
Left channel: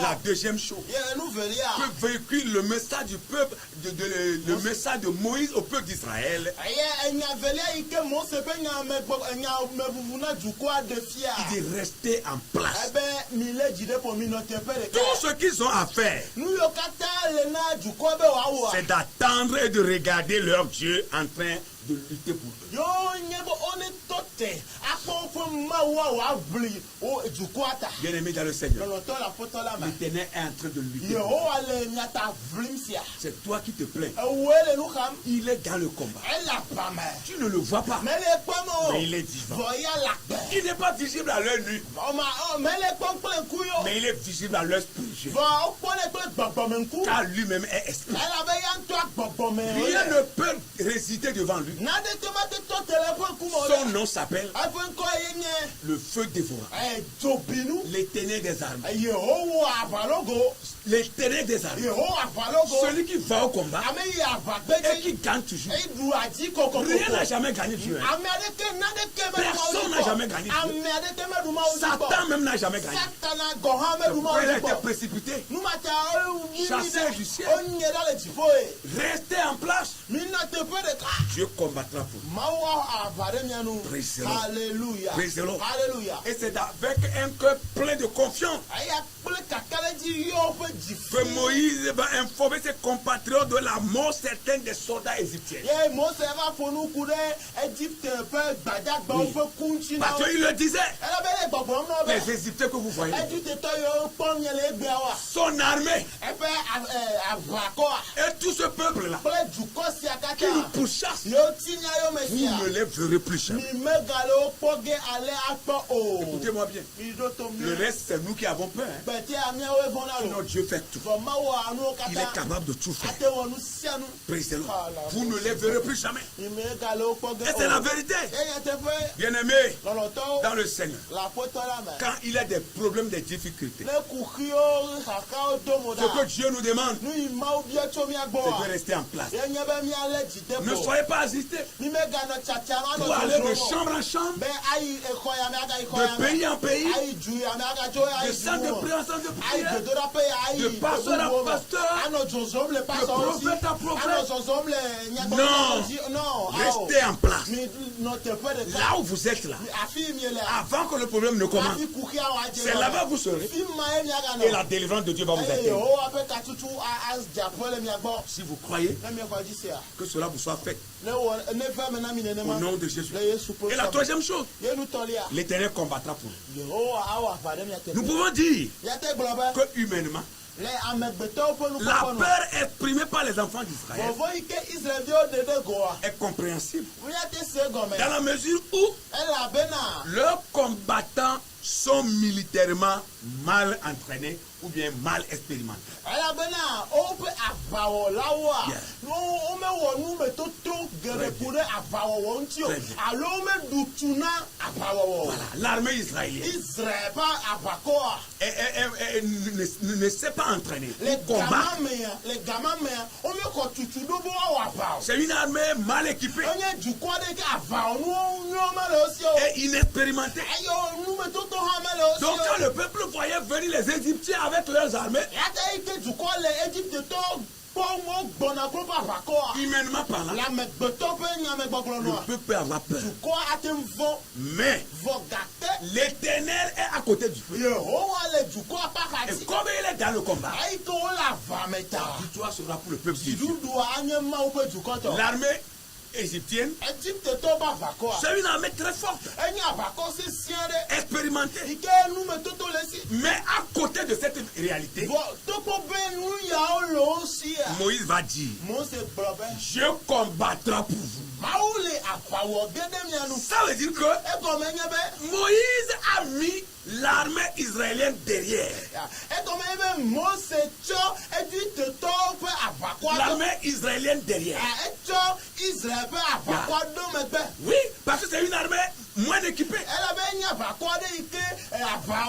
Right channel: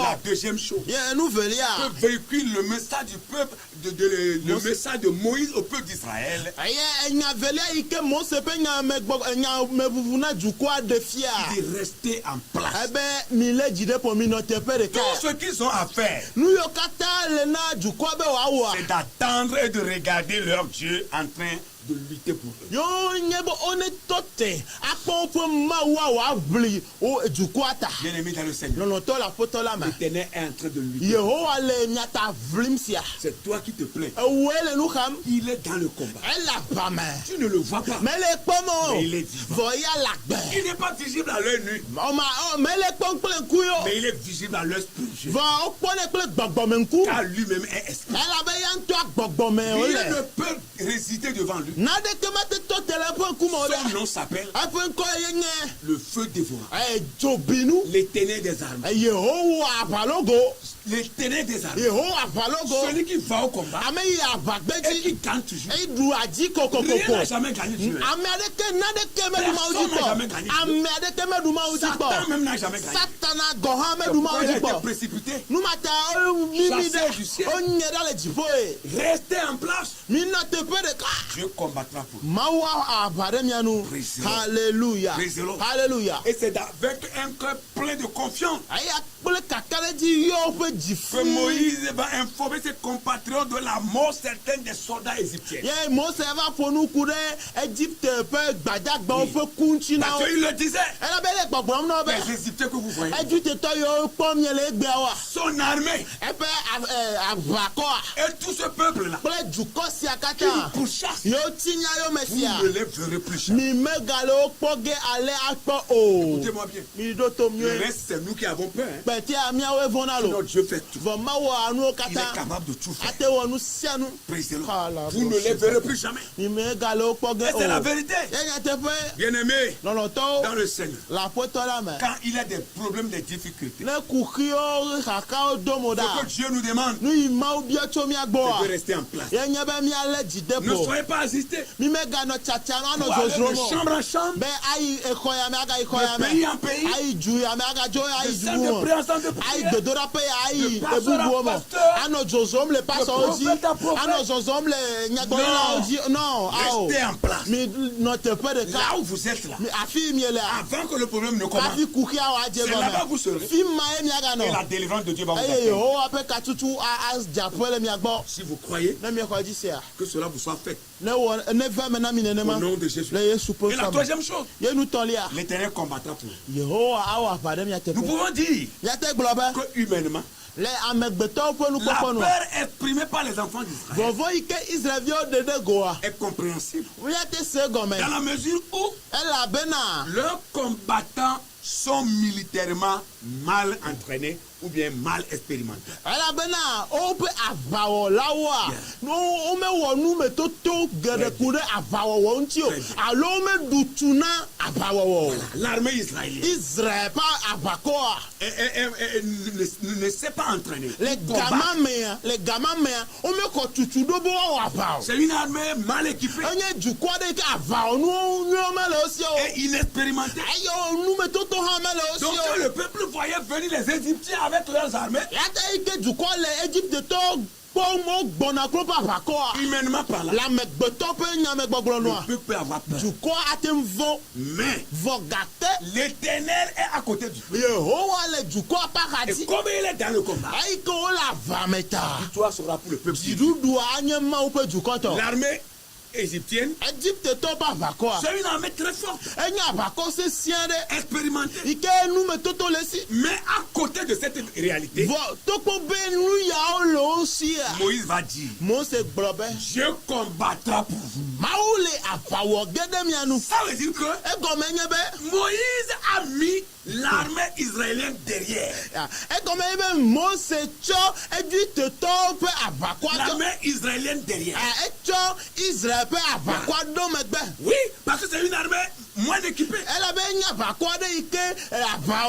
La deuxième chose, que véhicule le message du peuple, le message de Moïse au peuple d'Israël. Il dit rester en place. Tout ce qu'ils ont à faire, c'est d'attendre et de regarder leur Dieu en train de lutter pour eux. Bien aimé dans le Seigneur, l'Éternel est en train de lutter. C'est toi qui te plains. Il est dans le combat. Tu ne le vois pas, mais il est vivant. Il n'est pas visible à l'œil nu, mais il est visible à l'œil spirituel, car lui-même est esprit. Rien ne peut résister devant lui. Son nom s'appelle le feu dévorant, l'Éternel des armées. L'Éternel des armées, celui qui va au combat et qui gagne toujours. Rien n'a jamais gagné sur elle. Personne n'a jamais gagné sur elle. Satan même n'a jamais gagné. Pourquoi il a été précipité, chassé du ciel? Restez en place. Dieu combattra pour vous. Alléluia. Alléluia. Et c'est avec un cœur plein de confiance que Moïse va informer ses compatriotes de la mort certaine des soldats égyptiens. Parce qu'il le disait, les Égyptiens que vous voyez, son armée et tout ce peuple-là qui nous pourchasse, vous ne les verrez plus jamais. Écoutez-moi bien, le reste c'est nous qui avons peur. Sinon Dieu fait tout. Il est capable de tout faire. Vous ne les verrez plus jamais. Et c'est la vérité. Bien aimé dans le Seigneur, quand il a des problèmes, des difficultés, ce que Dieu nous demande, c'est de rester en place. Ne soyez pas assistés pour aller de chambre en chambre, de pays en pays, de salle de prière en salle de prière, de pasteur à pasteur, de prophète à prophète. Non, restez en place. Là où vous êtes là, avant que le problème ne commence, c'est là-bas vous serez. Et la délivrance de Dieu va vous atteindre. Si vous croyez que cela vous soit fait, au nom de Jésus. Et la troisième chose, l'Éternel combattra pour vous. Nous pouvons dire que humainement, la peur exprimée par les enfants d'Israël est compréhensible dans la mesure où leurs combattants sont militairement mal entraînés ou bien mal expérimentés. L'armée israélienne ne s'est pas entraînée. C'est une armée mal équipée et inexpérimentée. Donc quand le peuple voyait venir les Égyptiens avec leurs armées, humainement parlant, le peuple peut avoir peur. Mais l'Éternel est à côté du feu. Et comme il est dans le combat, la victoire sera pour le peuple. L'armée égyptienne, c'est une armée très forte, expérimentée. Mais à côté de cette réalité, Moïse va dire, Dieu combattra pour vous. Ça veut dire que Moïse a mis l'armée israélienne derrière. L'armée israélienne derrière. Oui, parce que c'est une armée moins équipée.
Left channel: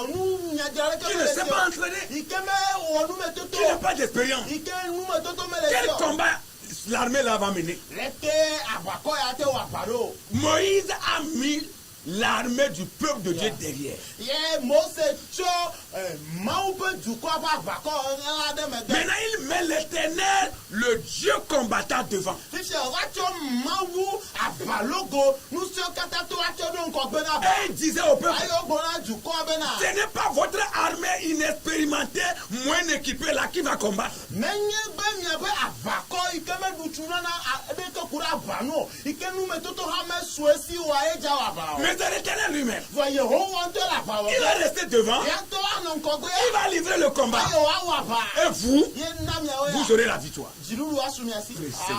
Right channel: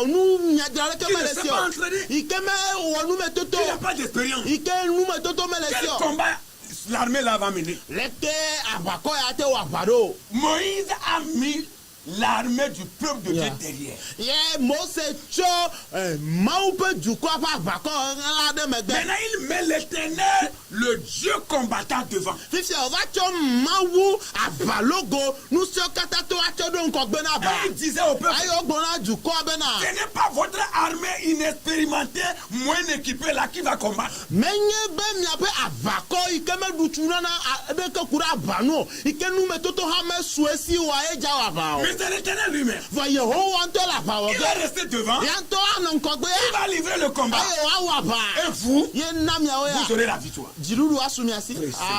qui ne s'est pas entraîné, qui n'a pas d'expérience. Quel combat l'armée là va mener? Moïse a mis l'armée du peuple de Dieu derrière. Maintenant, il met l'Éternel, le Dieu combattant devant. Et il disait au peuple, ce n'est pas votre armée inexpérimentée, moins équipée là qui va combattre. Mais c'est l'Éternel lui-même. Il va rester devant. Il va livrer le combat. Et vous aurez la victoire.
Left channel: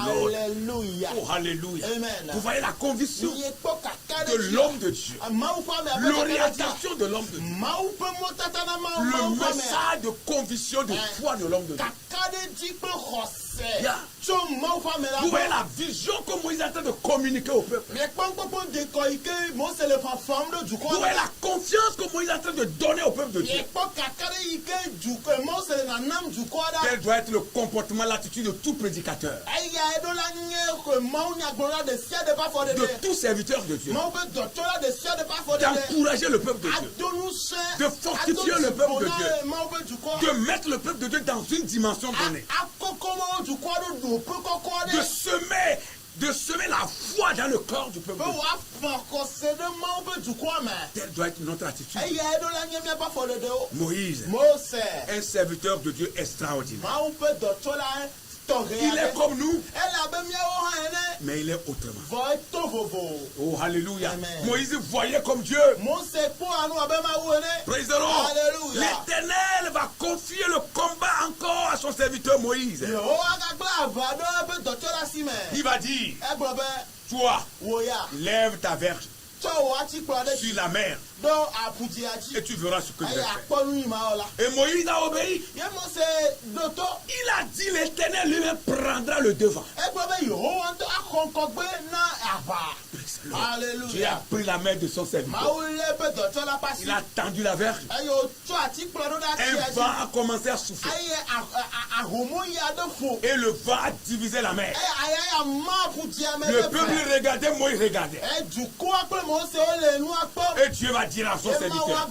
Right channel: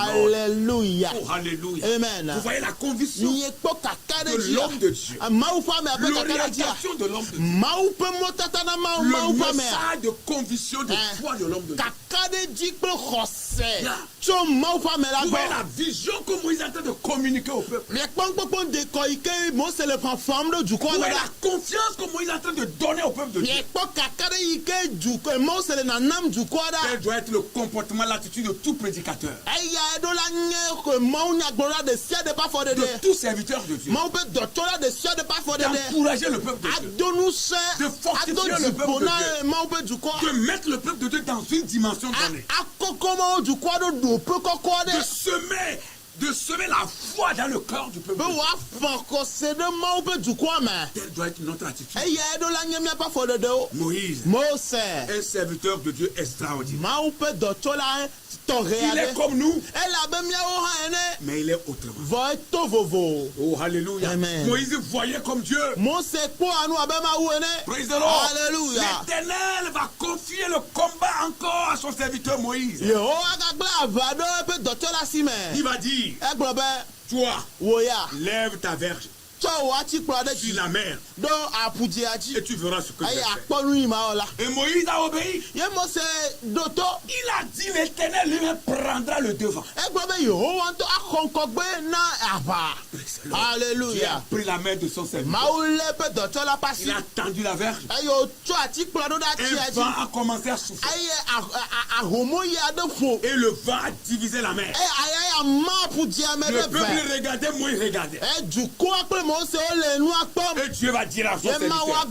Alléluia. Oh, alléluia. Amen. Vous voyez la conviction de l'homme de Dieu. L'orientation de l'homme de Dieu. Le message de conviction de foi de l'homme de Dieu. Vous voyez la vision que Moïse est en train de communiquer au peuple. Vous voyez la confiance que Moïse est en train de donner au peuple de Dieu. Quel doit être le comportement, l'attitude de tout prédicateur, de tout serviteur de Dieu, d'encourager le peuple de Dieu, de fortifier le peuple de Dieu, de mettre le peuple de Dieu dans une dimension donnée, de semer la foi dans le corps du peuple. Telle doit être notre attitude. Moïse, un serviteur de Dieu extraordinaire. Il est comme nous, mais il est autrement. Oh, alléluia. Amen. Moïse voyait comme Dieu. Praise the Lord. L'Éternel va confier le combat encore à son serviteur Moïse. Il va dire, toi, lève ta verge sur la mer et tu verras ce que je vais faire. Et Moïse a obéi. Il a dit, l'Éternel lui-même prendra le devant. Alléluia. Dieu a pris la main de son serviteur. Il a tendu la verge. Un vent a commencé à souffler. Et le vent a divisé la mer. Le peuple regardait, moi il regardait. Et Dieu va dire à son serviteur,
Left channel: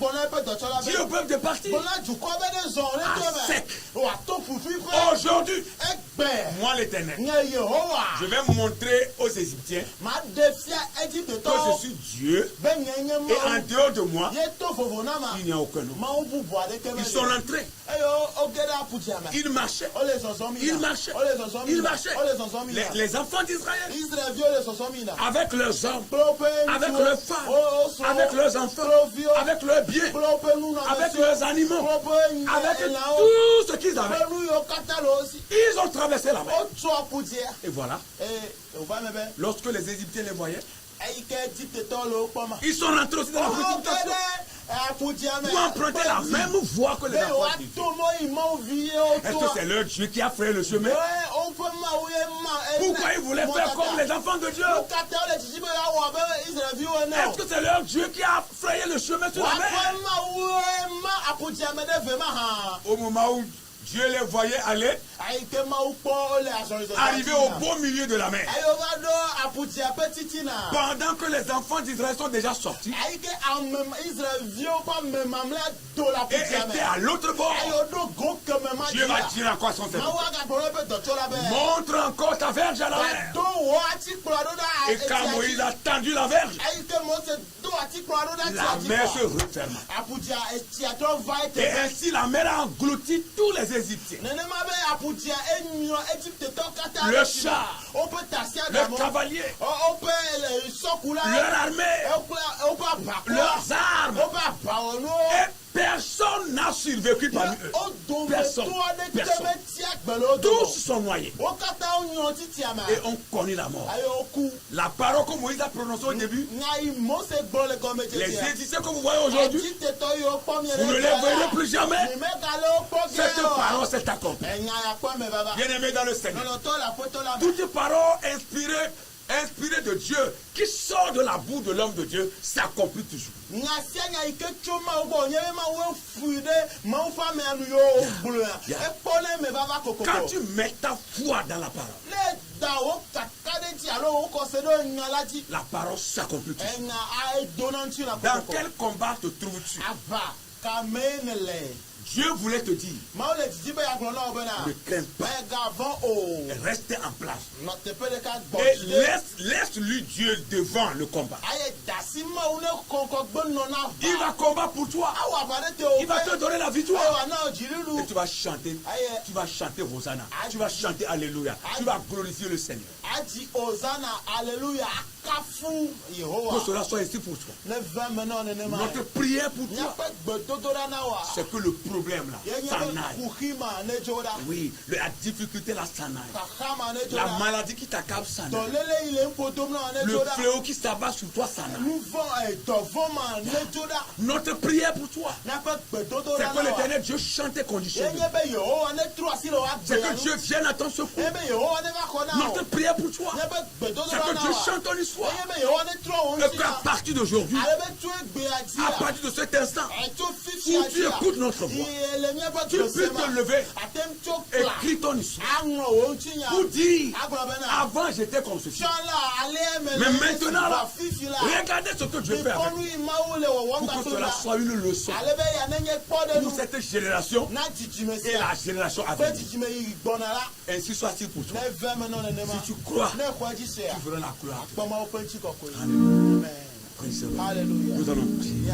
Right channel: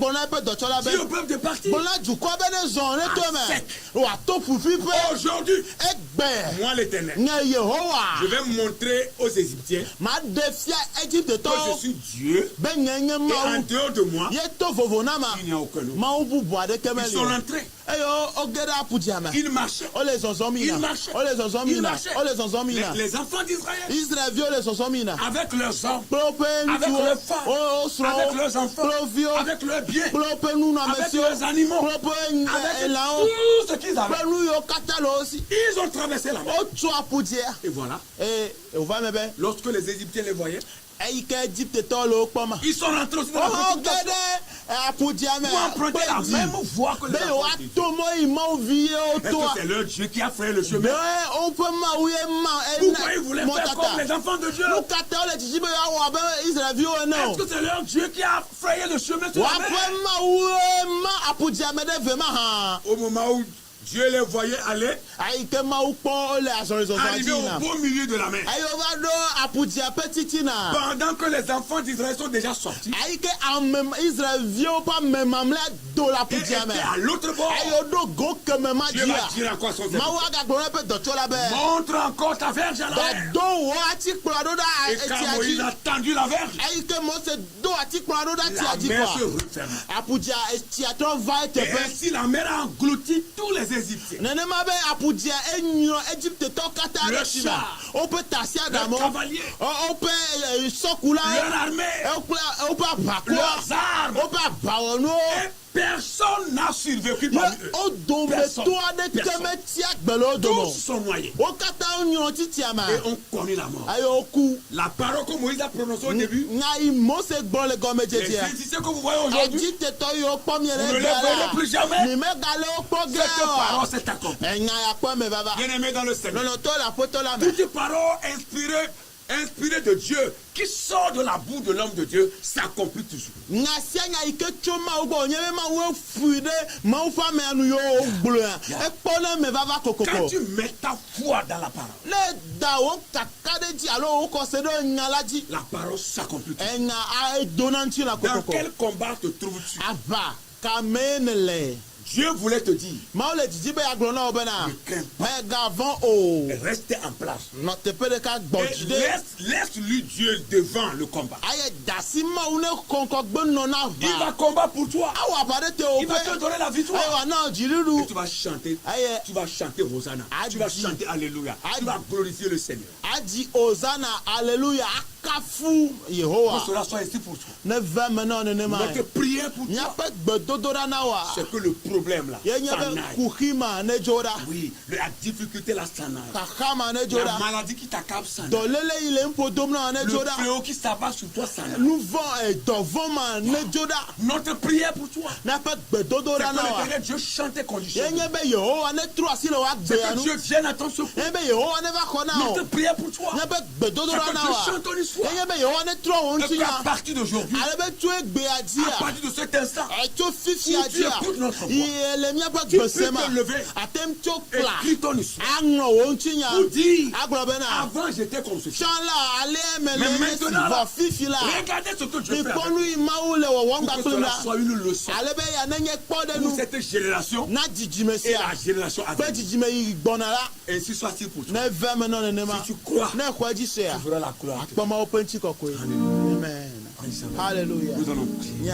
dis au peuple de partir à sec. Aujourd'hui, moi l'Éternel, je vais montrer aux Égyptiens que je suis Dieu. Et en dehors de moi, il n'y a aucun autre. Ils sont rentrés. Ils marchaient. Ils marchaient. Ils marchaient. Les enfants d'Israël, avec leurs hommes, avec leurs femmes, avec leurs enfants, avec leurs biens, avec leurs animaux, avec tout ce qu'ils avaient, ils ont traversé la mer. Et voilà, lorsque les Égyptiens les voyaient, ils sont rentrés aussi dans la précipitation pour emprunter la même voie que les enfants d'Israël. Est-ce que c'est leur Dieu qui a frayé le chemin? Pourquoi ils voulaient faire comme les enfants de Dieu? Est-ce que c'est leur Dieu qui a frayé le chemin sur la mer? Au moment où Dieu les voyait aller, arriver au beau milieu de la mer. Pendant que les enfants d'Israël sont déjà sortis et étaient à l'autre bord, Dieu va dire à quoi son serviteur, montre encore ta verge à la mer. Et quand Moïse a tendu la verge, la mer se referma. Et ainsi la mer a englouti tous les Égyptiens. Le char, le cavalier, leur armée, leurs armes. Et personne n'a survécu parmi eux. Personne. Tous sont noyés. Et on connaît la mort. La parole que Moïse a prononcée au début, les Égyptiens que vous voyez aujourd'hui, vous ne les verrez plus jamais. Cette parole s'est accomplie. Bien aimé dans le Seigneur. Toute parole inspirée inspiré de Dieu, qui sort de la boue de l'homme de Dieu, s'accomplit toujours. Quand tu mets ta foi dans la parole, la parole s'accomplit toujours. Dans quel combat te trouves-tu? Dieu voulait te dire, ne crains pas, restez en place. Et laisse-lui Dieu devant le combat. Il va combattre pour toi. Il va te donner la victoire. Et tu vas chanter Hosanna. Tu vas chanter Alléluia. Tu vas glorifier le Seigneur. Que cela soit ici pour toi. Notre prière pour toi, c'est que le problème là s'en aille. Oui, la difficulté là s'en aille. La maladie qui t'accable s'en aille. Le fléau qui s'abat sur toi s'en aille. Notre prière pour toi, c'est que l'Éternel Dieu chante tes conditions. C'est que Dieu vienne à ton secours. Notre prière pour toi, c'est que Dieu chante ton histoire. Et qu'à partir d'aujourd'hui, à partir de cet instant, où tu écoutes notre voix, tu peux te lever et écrire ton histoire. Pour dire, avant j'étais comme ceci. Mais maintenant, là, regardez ce que Dieu fait avec moi. Pour que cela soit une leçon pour cette génération et la génération à venir. Ainsi soit-il pour toi. Si tu crois, tu feras la gloire. Amen. Alléluia. Nous allons prier.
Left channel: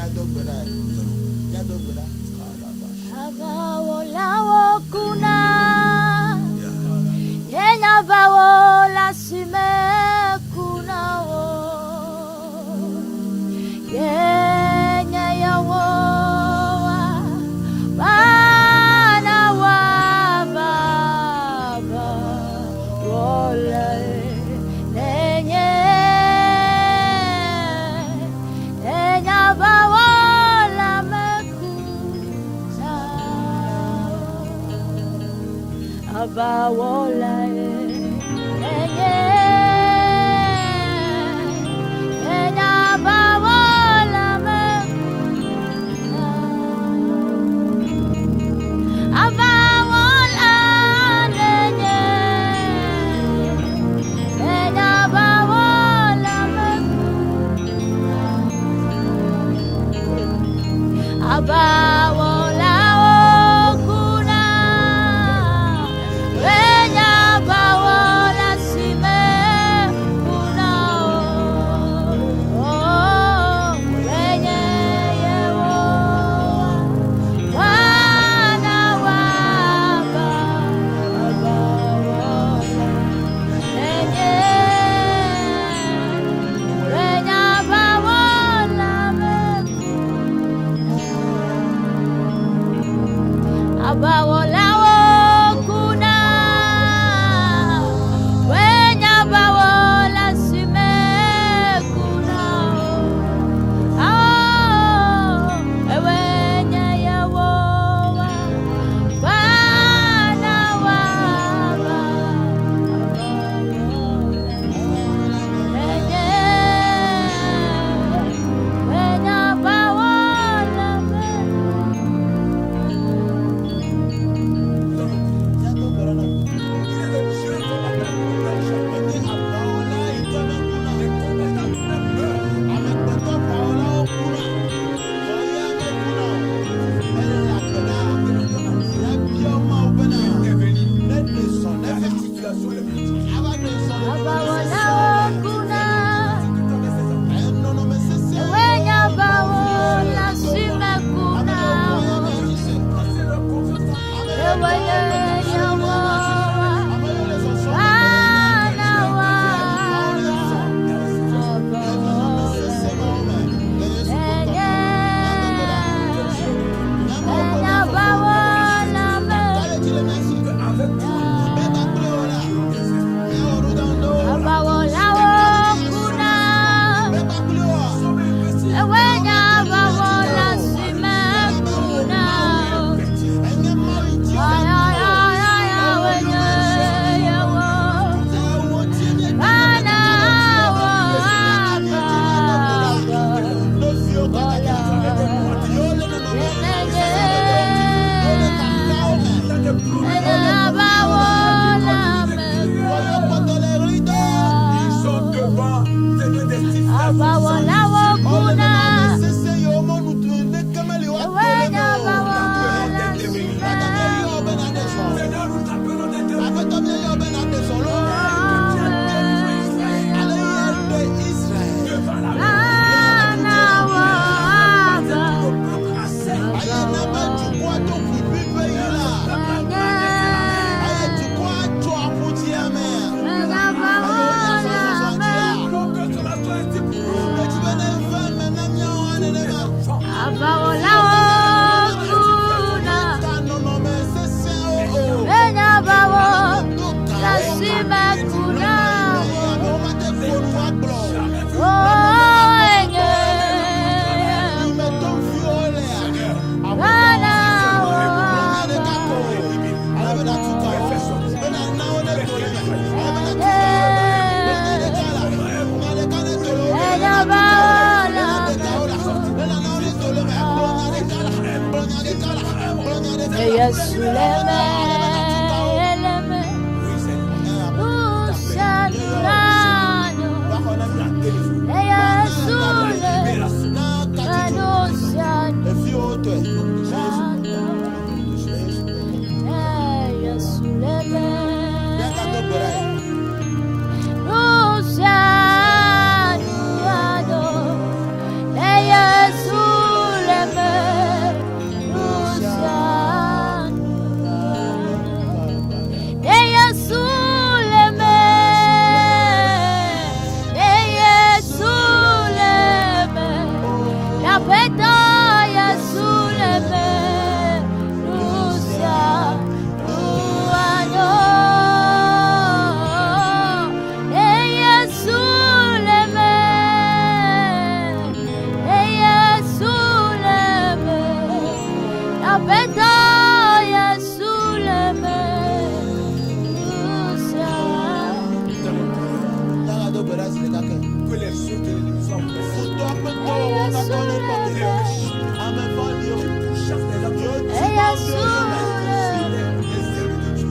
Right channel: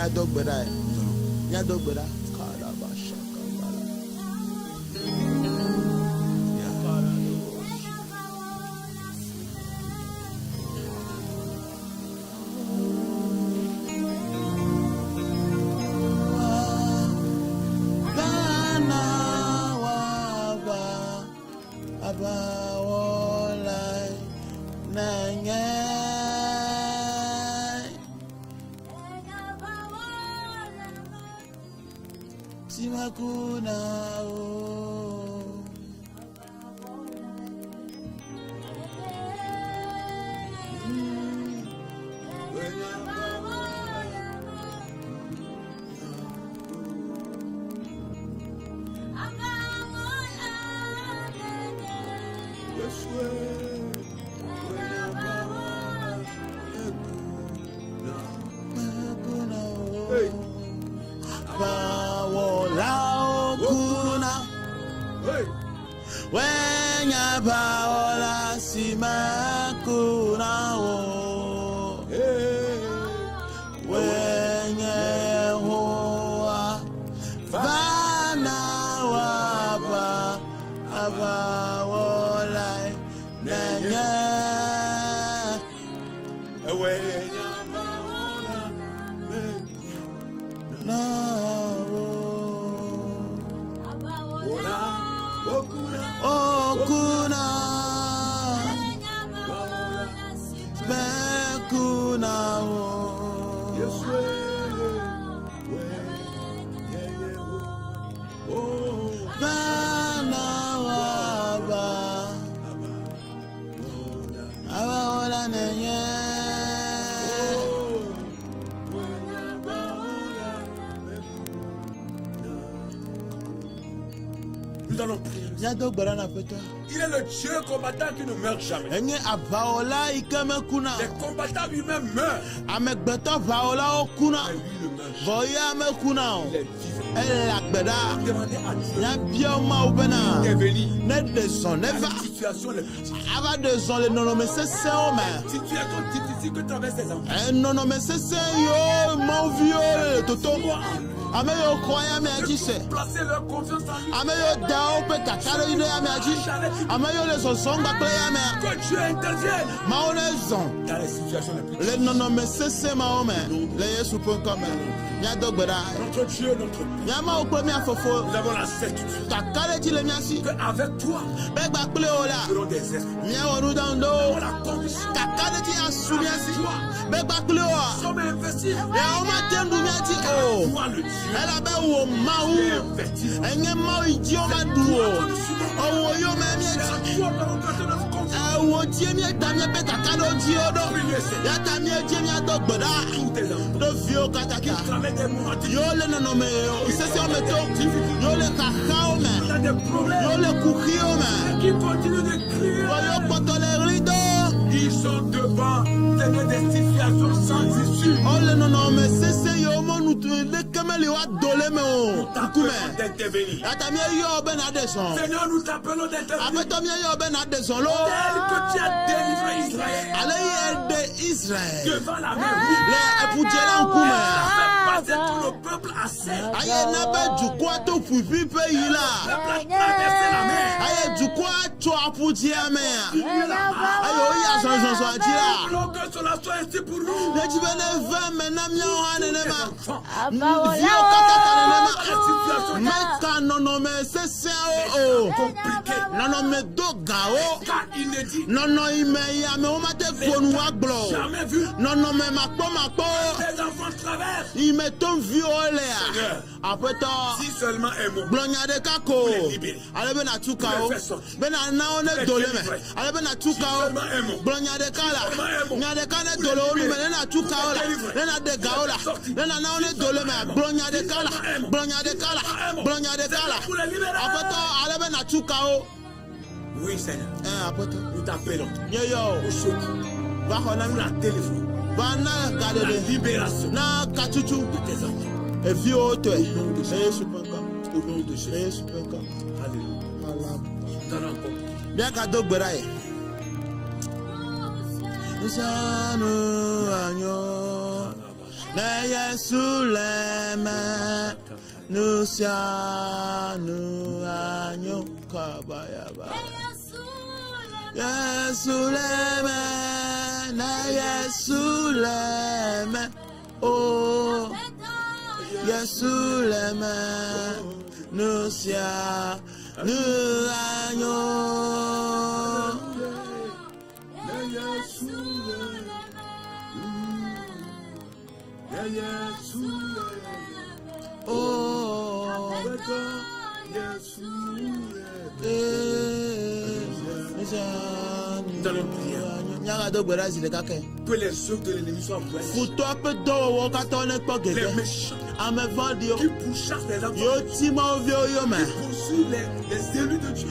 Avec toi, Ils sont devant, c'est des destinations sans Seigneur, nous t'appelons d'intervenir. Tu as délivré Israël devant la le peuple a que les yeux de l'ennemi soient qui pourchassent les hommes, les élus de Dieu.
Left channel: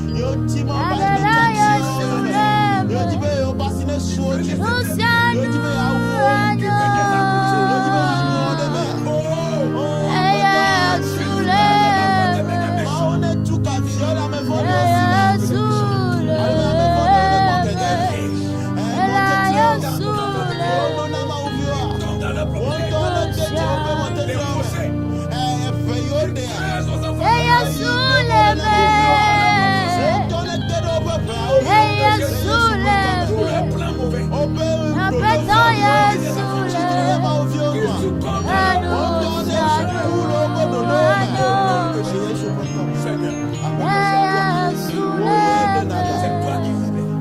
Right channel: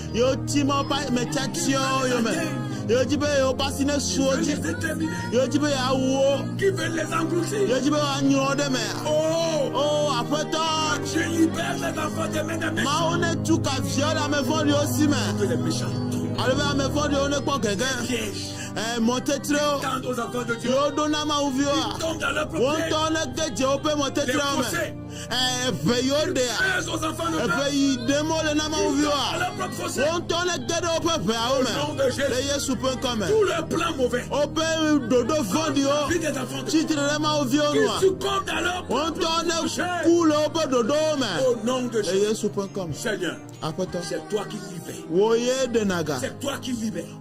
C'est toi qui libères.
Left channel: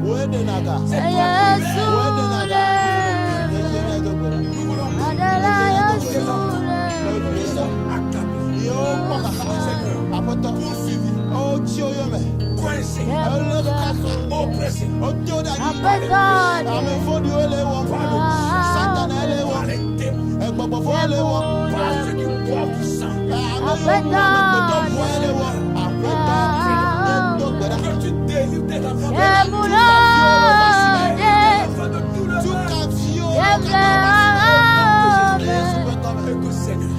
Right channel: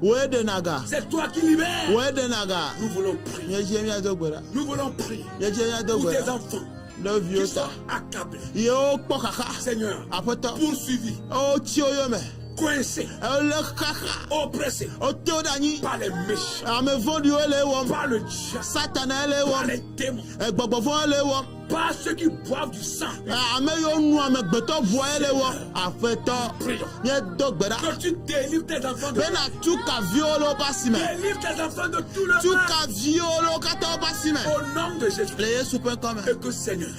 C'est toi qui libères. Nous voulons prier pour tes enfants qui sont accablés. Seigneur, poursuivis, coincés, oppressés par les péchés, par le démon, par ceux qui boivent du sang. Que tu délivres tes enfants de tout le mal. Et que Seigneur,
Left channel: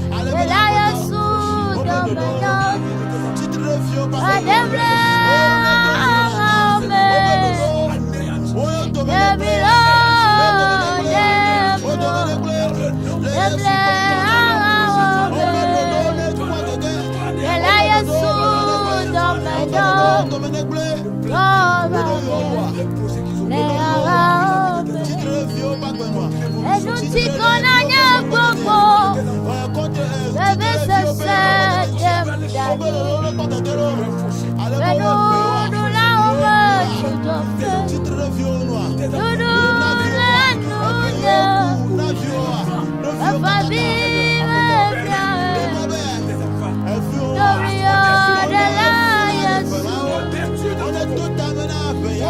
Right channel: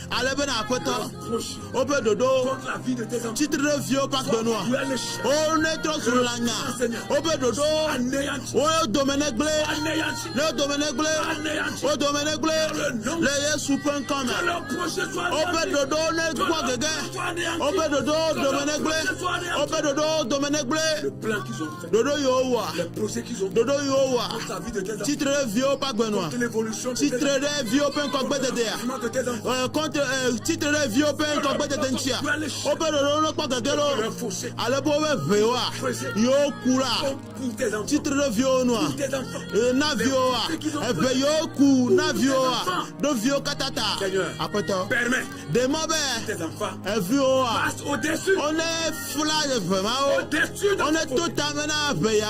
les projets qu'ils ont on est tout amené à payer.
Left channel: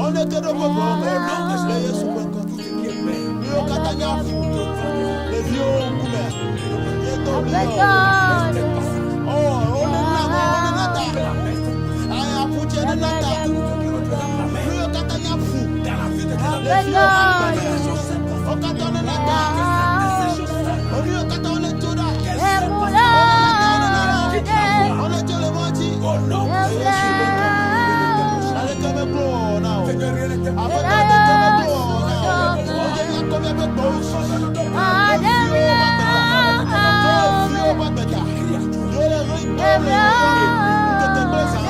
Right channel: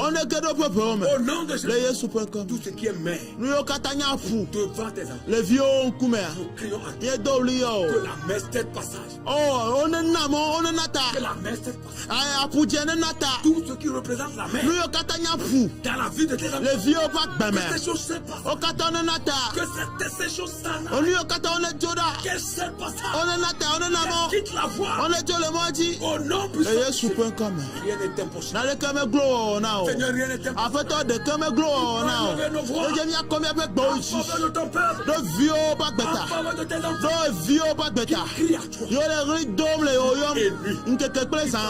On Le Yesu Penko. Tout ce qui est mère. Lui Katanya fou. Devant tes Le vieux Kumer. Yedo Lio. Oh, on est namo, on est nata. Aïe, Apoutia de nata. Tout ce qui représente la mère. Lui Katanya fou. Dans la vie de tes enfants. Le vieux Papa. Que ces choses s'effacent. O Katana Que nata. ces choses s'effacent. On lui Katana Joda. Qu'elles s'effacent. On est nata, on est nana. Quitte la voie. On est Dieu le menti. Au nom Le de Yesu Penko. rien n'était possible. Allez, comme un glow now. Seigneur, rien n'était possible. Après, t'as des comme un glow now. Le Jésus a combien de glow? Le vieux Papa. Le vieux Papa. Yo le rideau, le te blessa.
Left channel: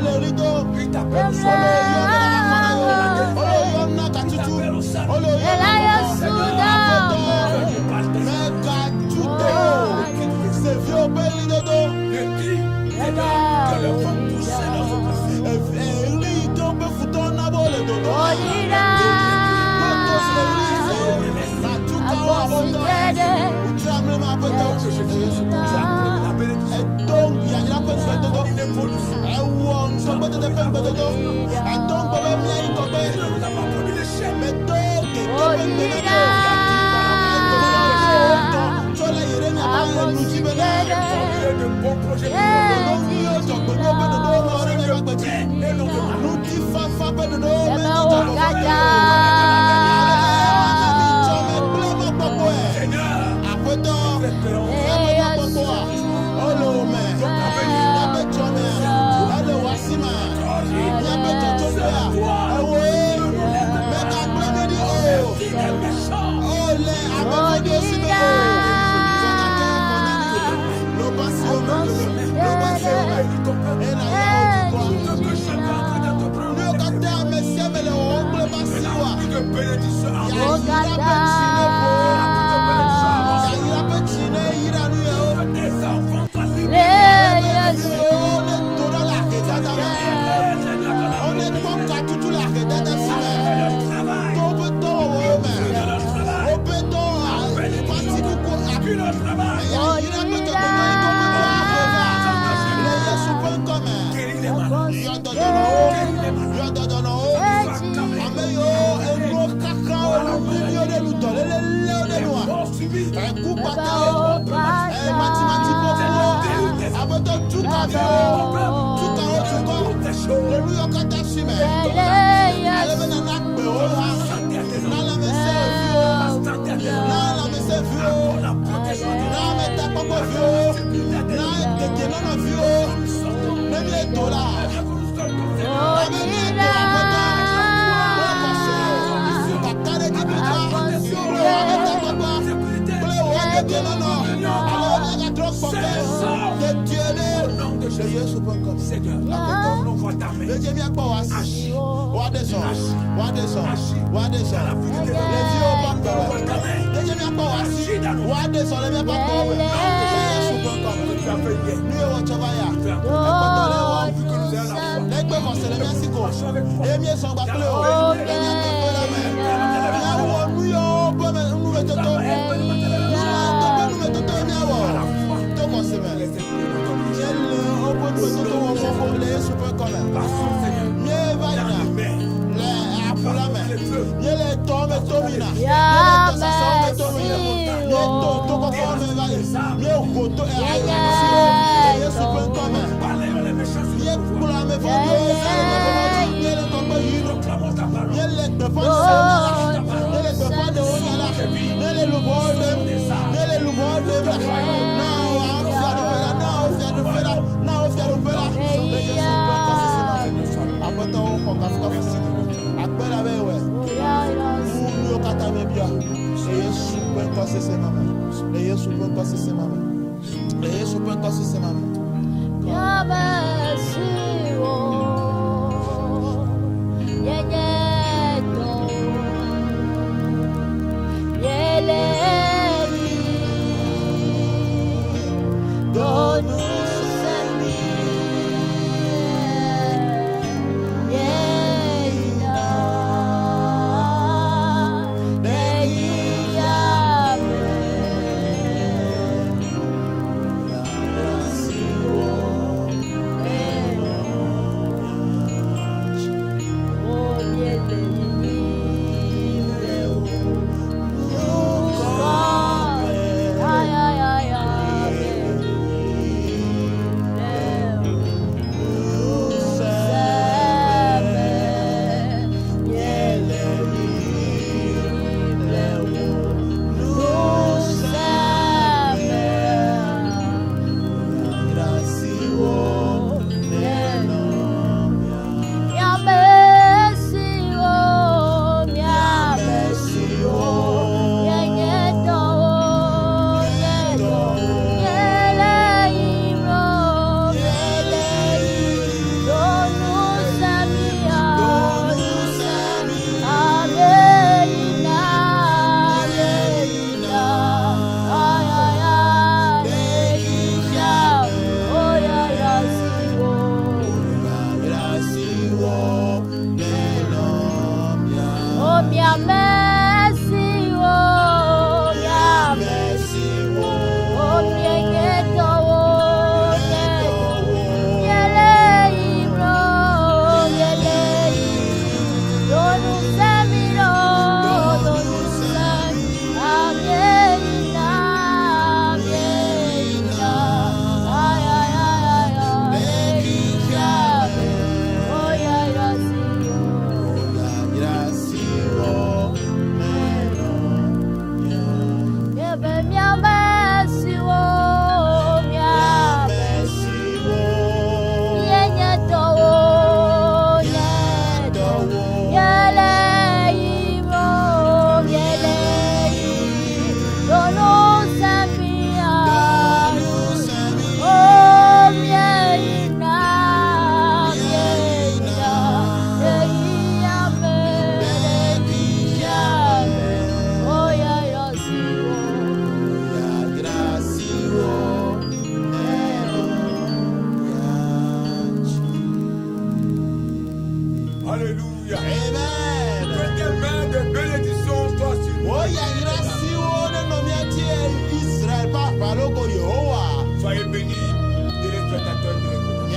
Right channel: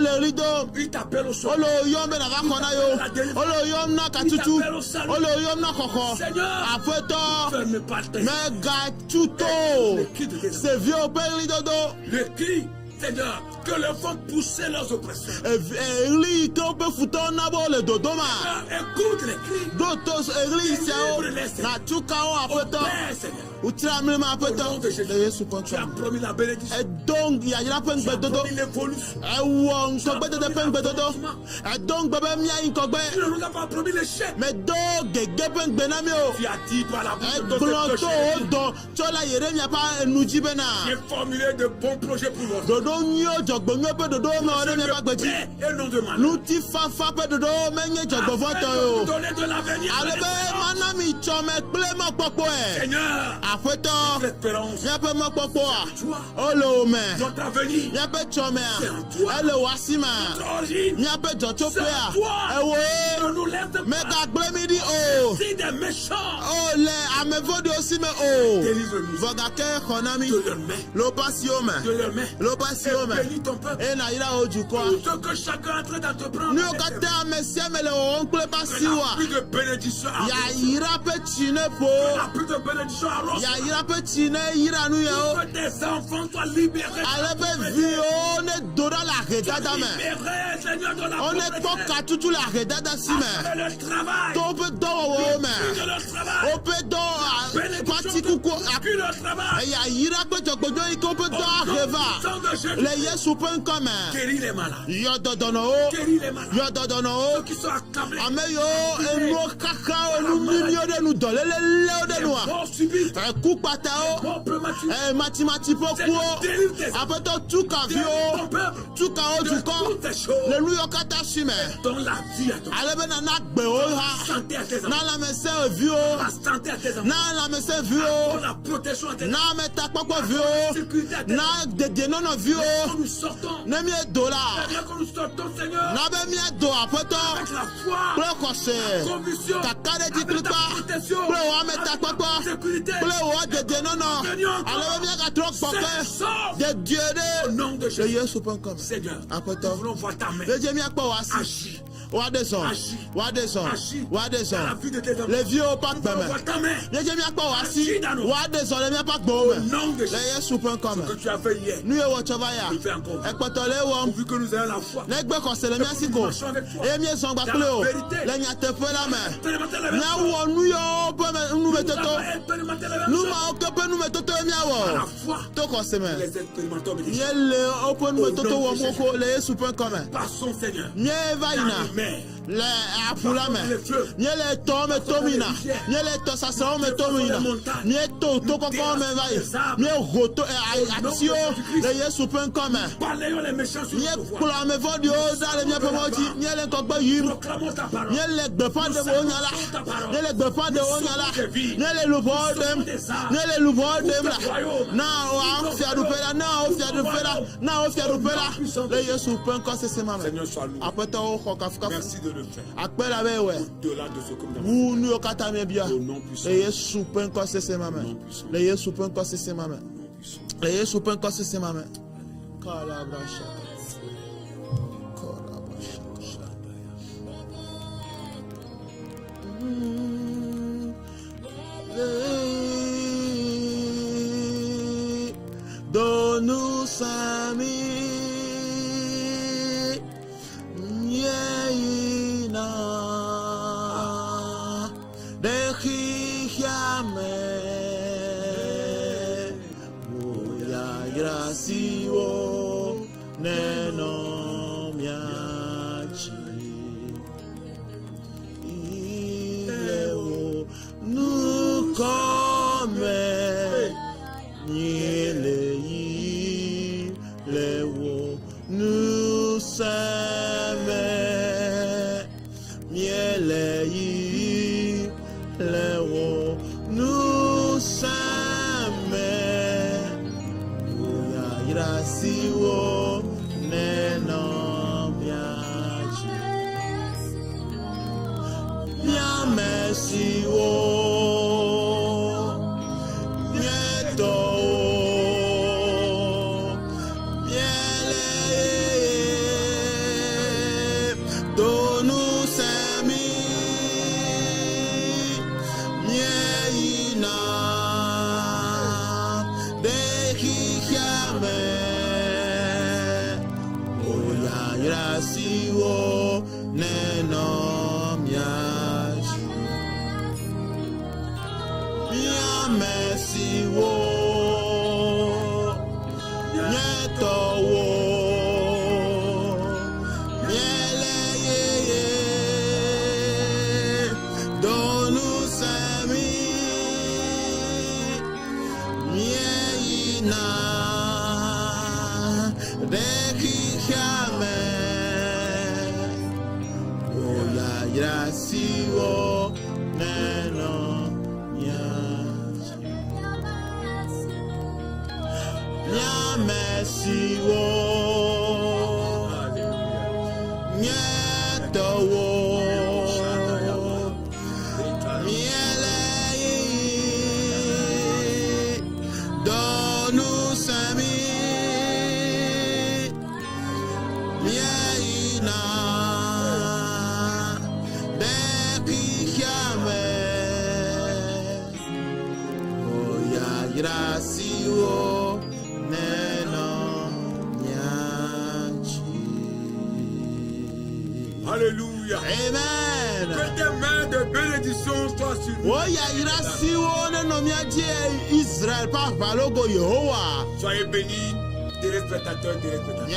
Le rideau. Lui t'appelle au Oh soir. le yo me la rakona yo. Oh le yo na katutu. Oh le yo na koko. Apoto. Me katuto. C'est vieux belli dodo. Le cri est là que le vent poussait leurs oppresseurs. Eli to be futon na bo le dodo. Dodo Eli na tuka o apoto. Utramle ma apoto. Yesu Tu as kontra. promis la bénédiction. Et donc il y a une peine de dodo. Il évolue. Awon so be de peine de dodo. A donc baba mi ayin ko Tu be. ne nous as pas promis l'échec. Mais donc de peine de na Tu as dit par la Chola Yeremia pa nuji bena. j'ai formulé de bons projets pour nous. Dodo nyo jogbo nyo pe dodo mo ore me bagbeji. Et non de mal. Nu ti fa pe dodo me nyo jogbo foto. Ale mana mi chome ple mo popo e. Seigneur, Apeto. l'espérance. Ya pe mo popo. Olo me. Donc avenir. Ya pe chome. Ale wasima. Ya pe chochope ya. Ewo. Ne nous laisse pas. Me ka ple mi di o. Si des méchants. Ole amefodi osi me o. Fọdake konami. Lo basi o me. Lo basi o me. E na ira ojukwa. Ce que chacun est en train de te prendre. Ni o ka te amesie me le o gble basi wa. Plus de bénédiction à Ya moi. yira pe chine po. Plus de bénédiction à moi. Ya yira pe chine yira nu ya o. Que tes enfants soient libérés. Ale pe vi o ne dora la redada me. Seigneur, de la On ne toka tutu la redada si me. le travail. To pe to o me. De le travail. O pe to pati kuku Puis le travail. ya yira pe to gbojo yi to pe to areva. Le Yesu pe nkome. Guéris les malades. Yo dodono o. Guéris les malades. Yo dodono o. Qui sont accablés. Ame yo enu kaka olu milio de nu dole le leo de nu a. Mort subite. Eku pata o. Mati poku o. Abeto tuka vi o. Tuka o tuko. Des choses. Le lu yo kata si me. Ale be na gbe o ha. Santé à tes enfants. Na la me se vi o. Santé à tes enfants. Na la me se vi o. La protection à tes enfants. Na me ta popo vi o. Na dede nono vi o. Nous sortons. Ne mi e do la. Bien que nous sortons, Seigneur. Na be mi e do abeto. La foi. Ple kose. Kakare di blita. Ple o ame ta popo. Sécurité. Ple o dede nono. Ale be mi e ka drok pope. De Dieu Au de. nom de Le Jésus. Yesu pe nkome. Seigneur. Apeto. On voit ta main. Le Jésus a pas wasi. Wadeson. La vie de tes enfants. Le vieux au bac On voit bébé. ta main. Le Jésus a pas wasi. Wadeson le mien pas beau. Le Yesu pe Que nkome. tu as fait hier. Nu e wo chovaya. Tu fais encore. Ekpoto le wo. Vu que nous ayons la foi. Legbe kose le mien sigo. E mien son gba kle o. Le mien te pe la me. Mia wo nu yo pe me nu me toto. Nu ma to pe nu me toto e mia wo. To kose me. Yele o pe nu me toto wo moko le Yesu pe nkome. Passons, Seigneur. Mie va Dans ina. les mains. Le apula me. Nyele to me tomina. Nyele to sasa me tomina. Nye to koko me vai. Nye goto e action. E Yesu pen kome. Parlez les méchants sur Nye le pouvoir. kula me vodio sale nye pomoti. Nyele kokpe yiro. Proclamons ta parole. Nyele gbefa de onyala. Nyele gbefa de onyala. Nyele lubo dem. Nyele lubo dem. Now I'm fiadu fela. Now fiadu fela. Now fiadu fela. Le Yesu pen kose se ma. Seigneur, sois loué. Apeta o kokafuka. Merci de notre Akpela be we. Unu okata me bia. Le Yesu pen kose se mame. Le Yesu pen kose se mame. Le Yesu pen kose se mame. Donne-nous Seigneur. Alléluia. Amen. Que tes mains de bénédiction soient sur nous. Soyez bénis, téléspectateurs, téléspectateurs.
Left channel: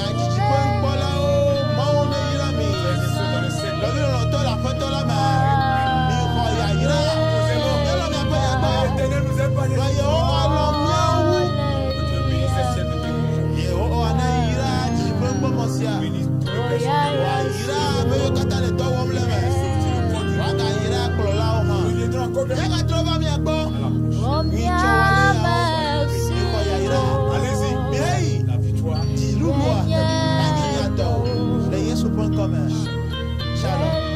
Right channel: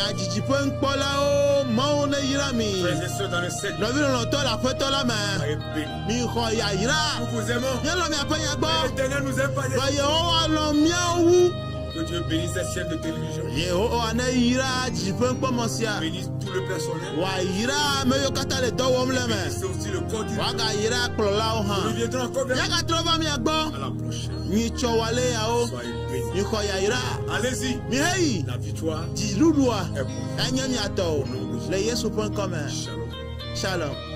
Frères et sœurs dans le Seigneur. Soyez bénis. Nous vous aimons. L'Éternel nous aime pas. Que Dieu bénisse ces chefs de dirigeants. Bénisse tout le personnel. Bénisse aussi le corps du monde. Nous viendrons encore bien. Allez-y. La victoire. Shalom.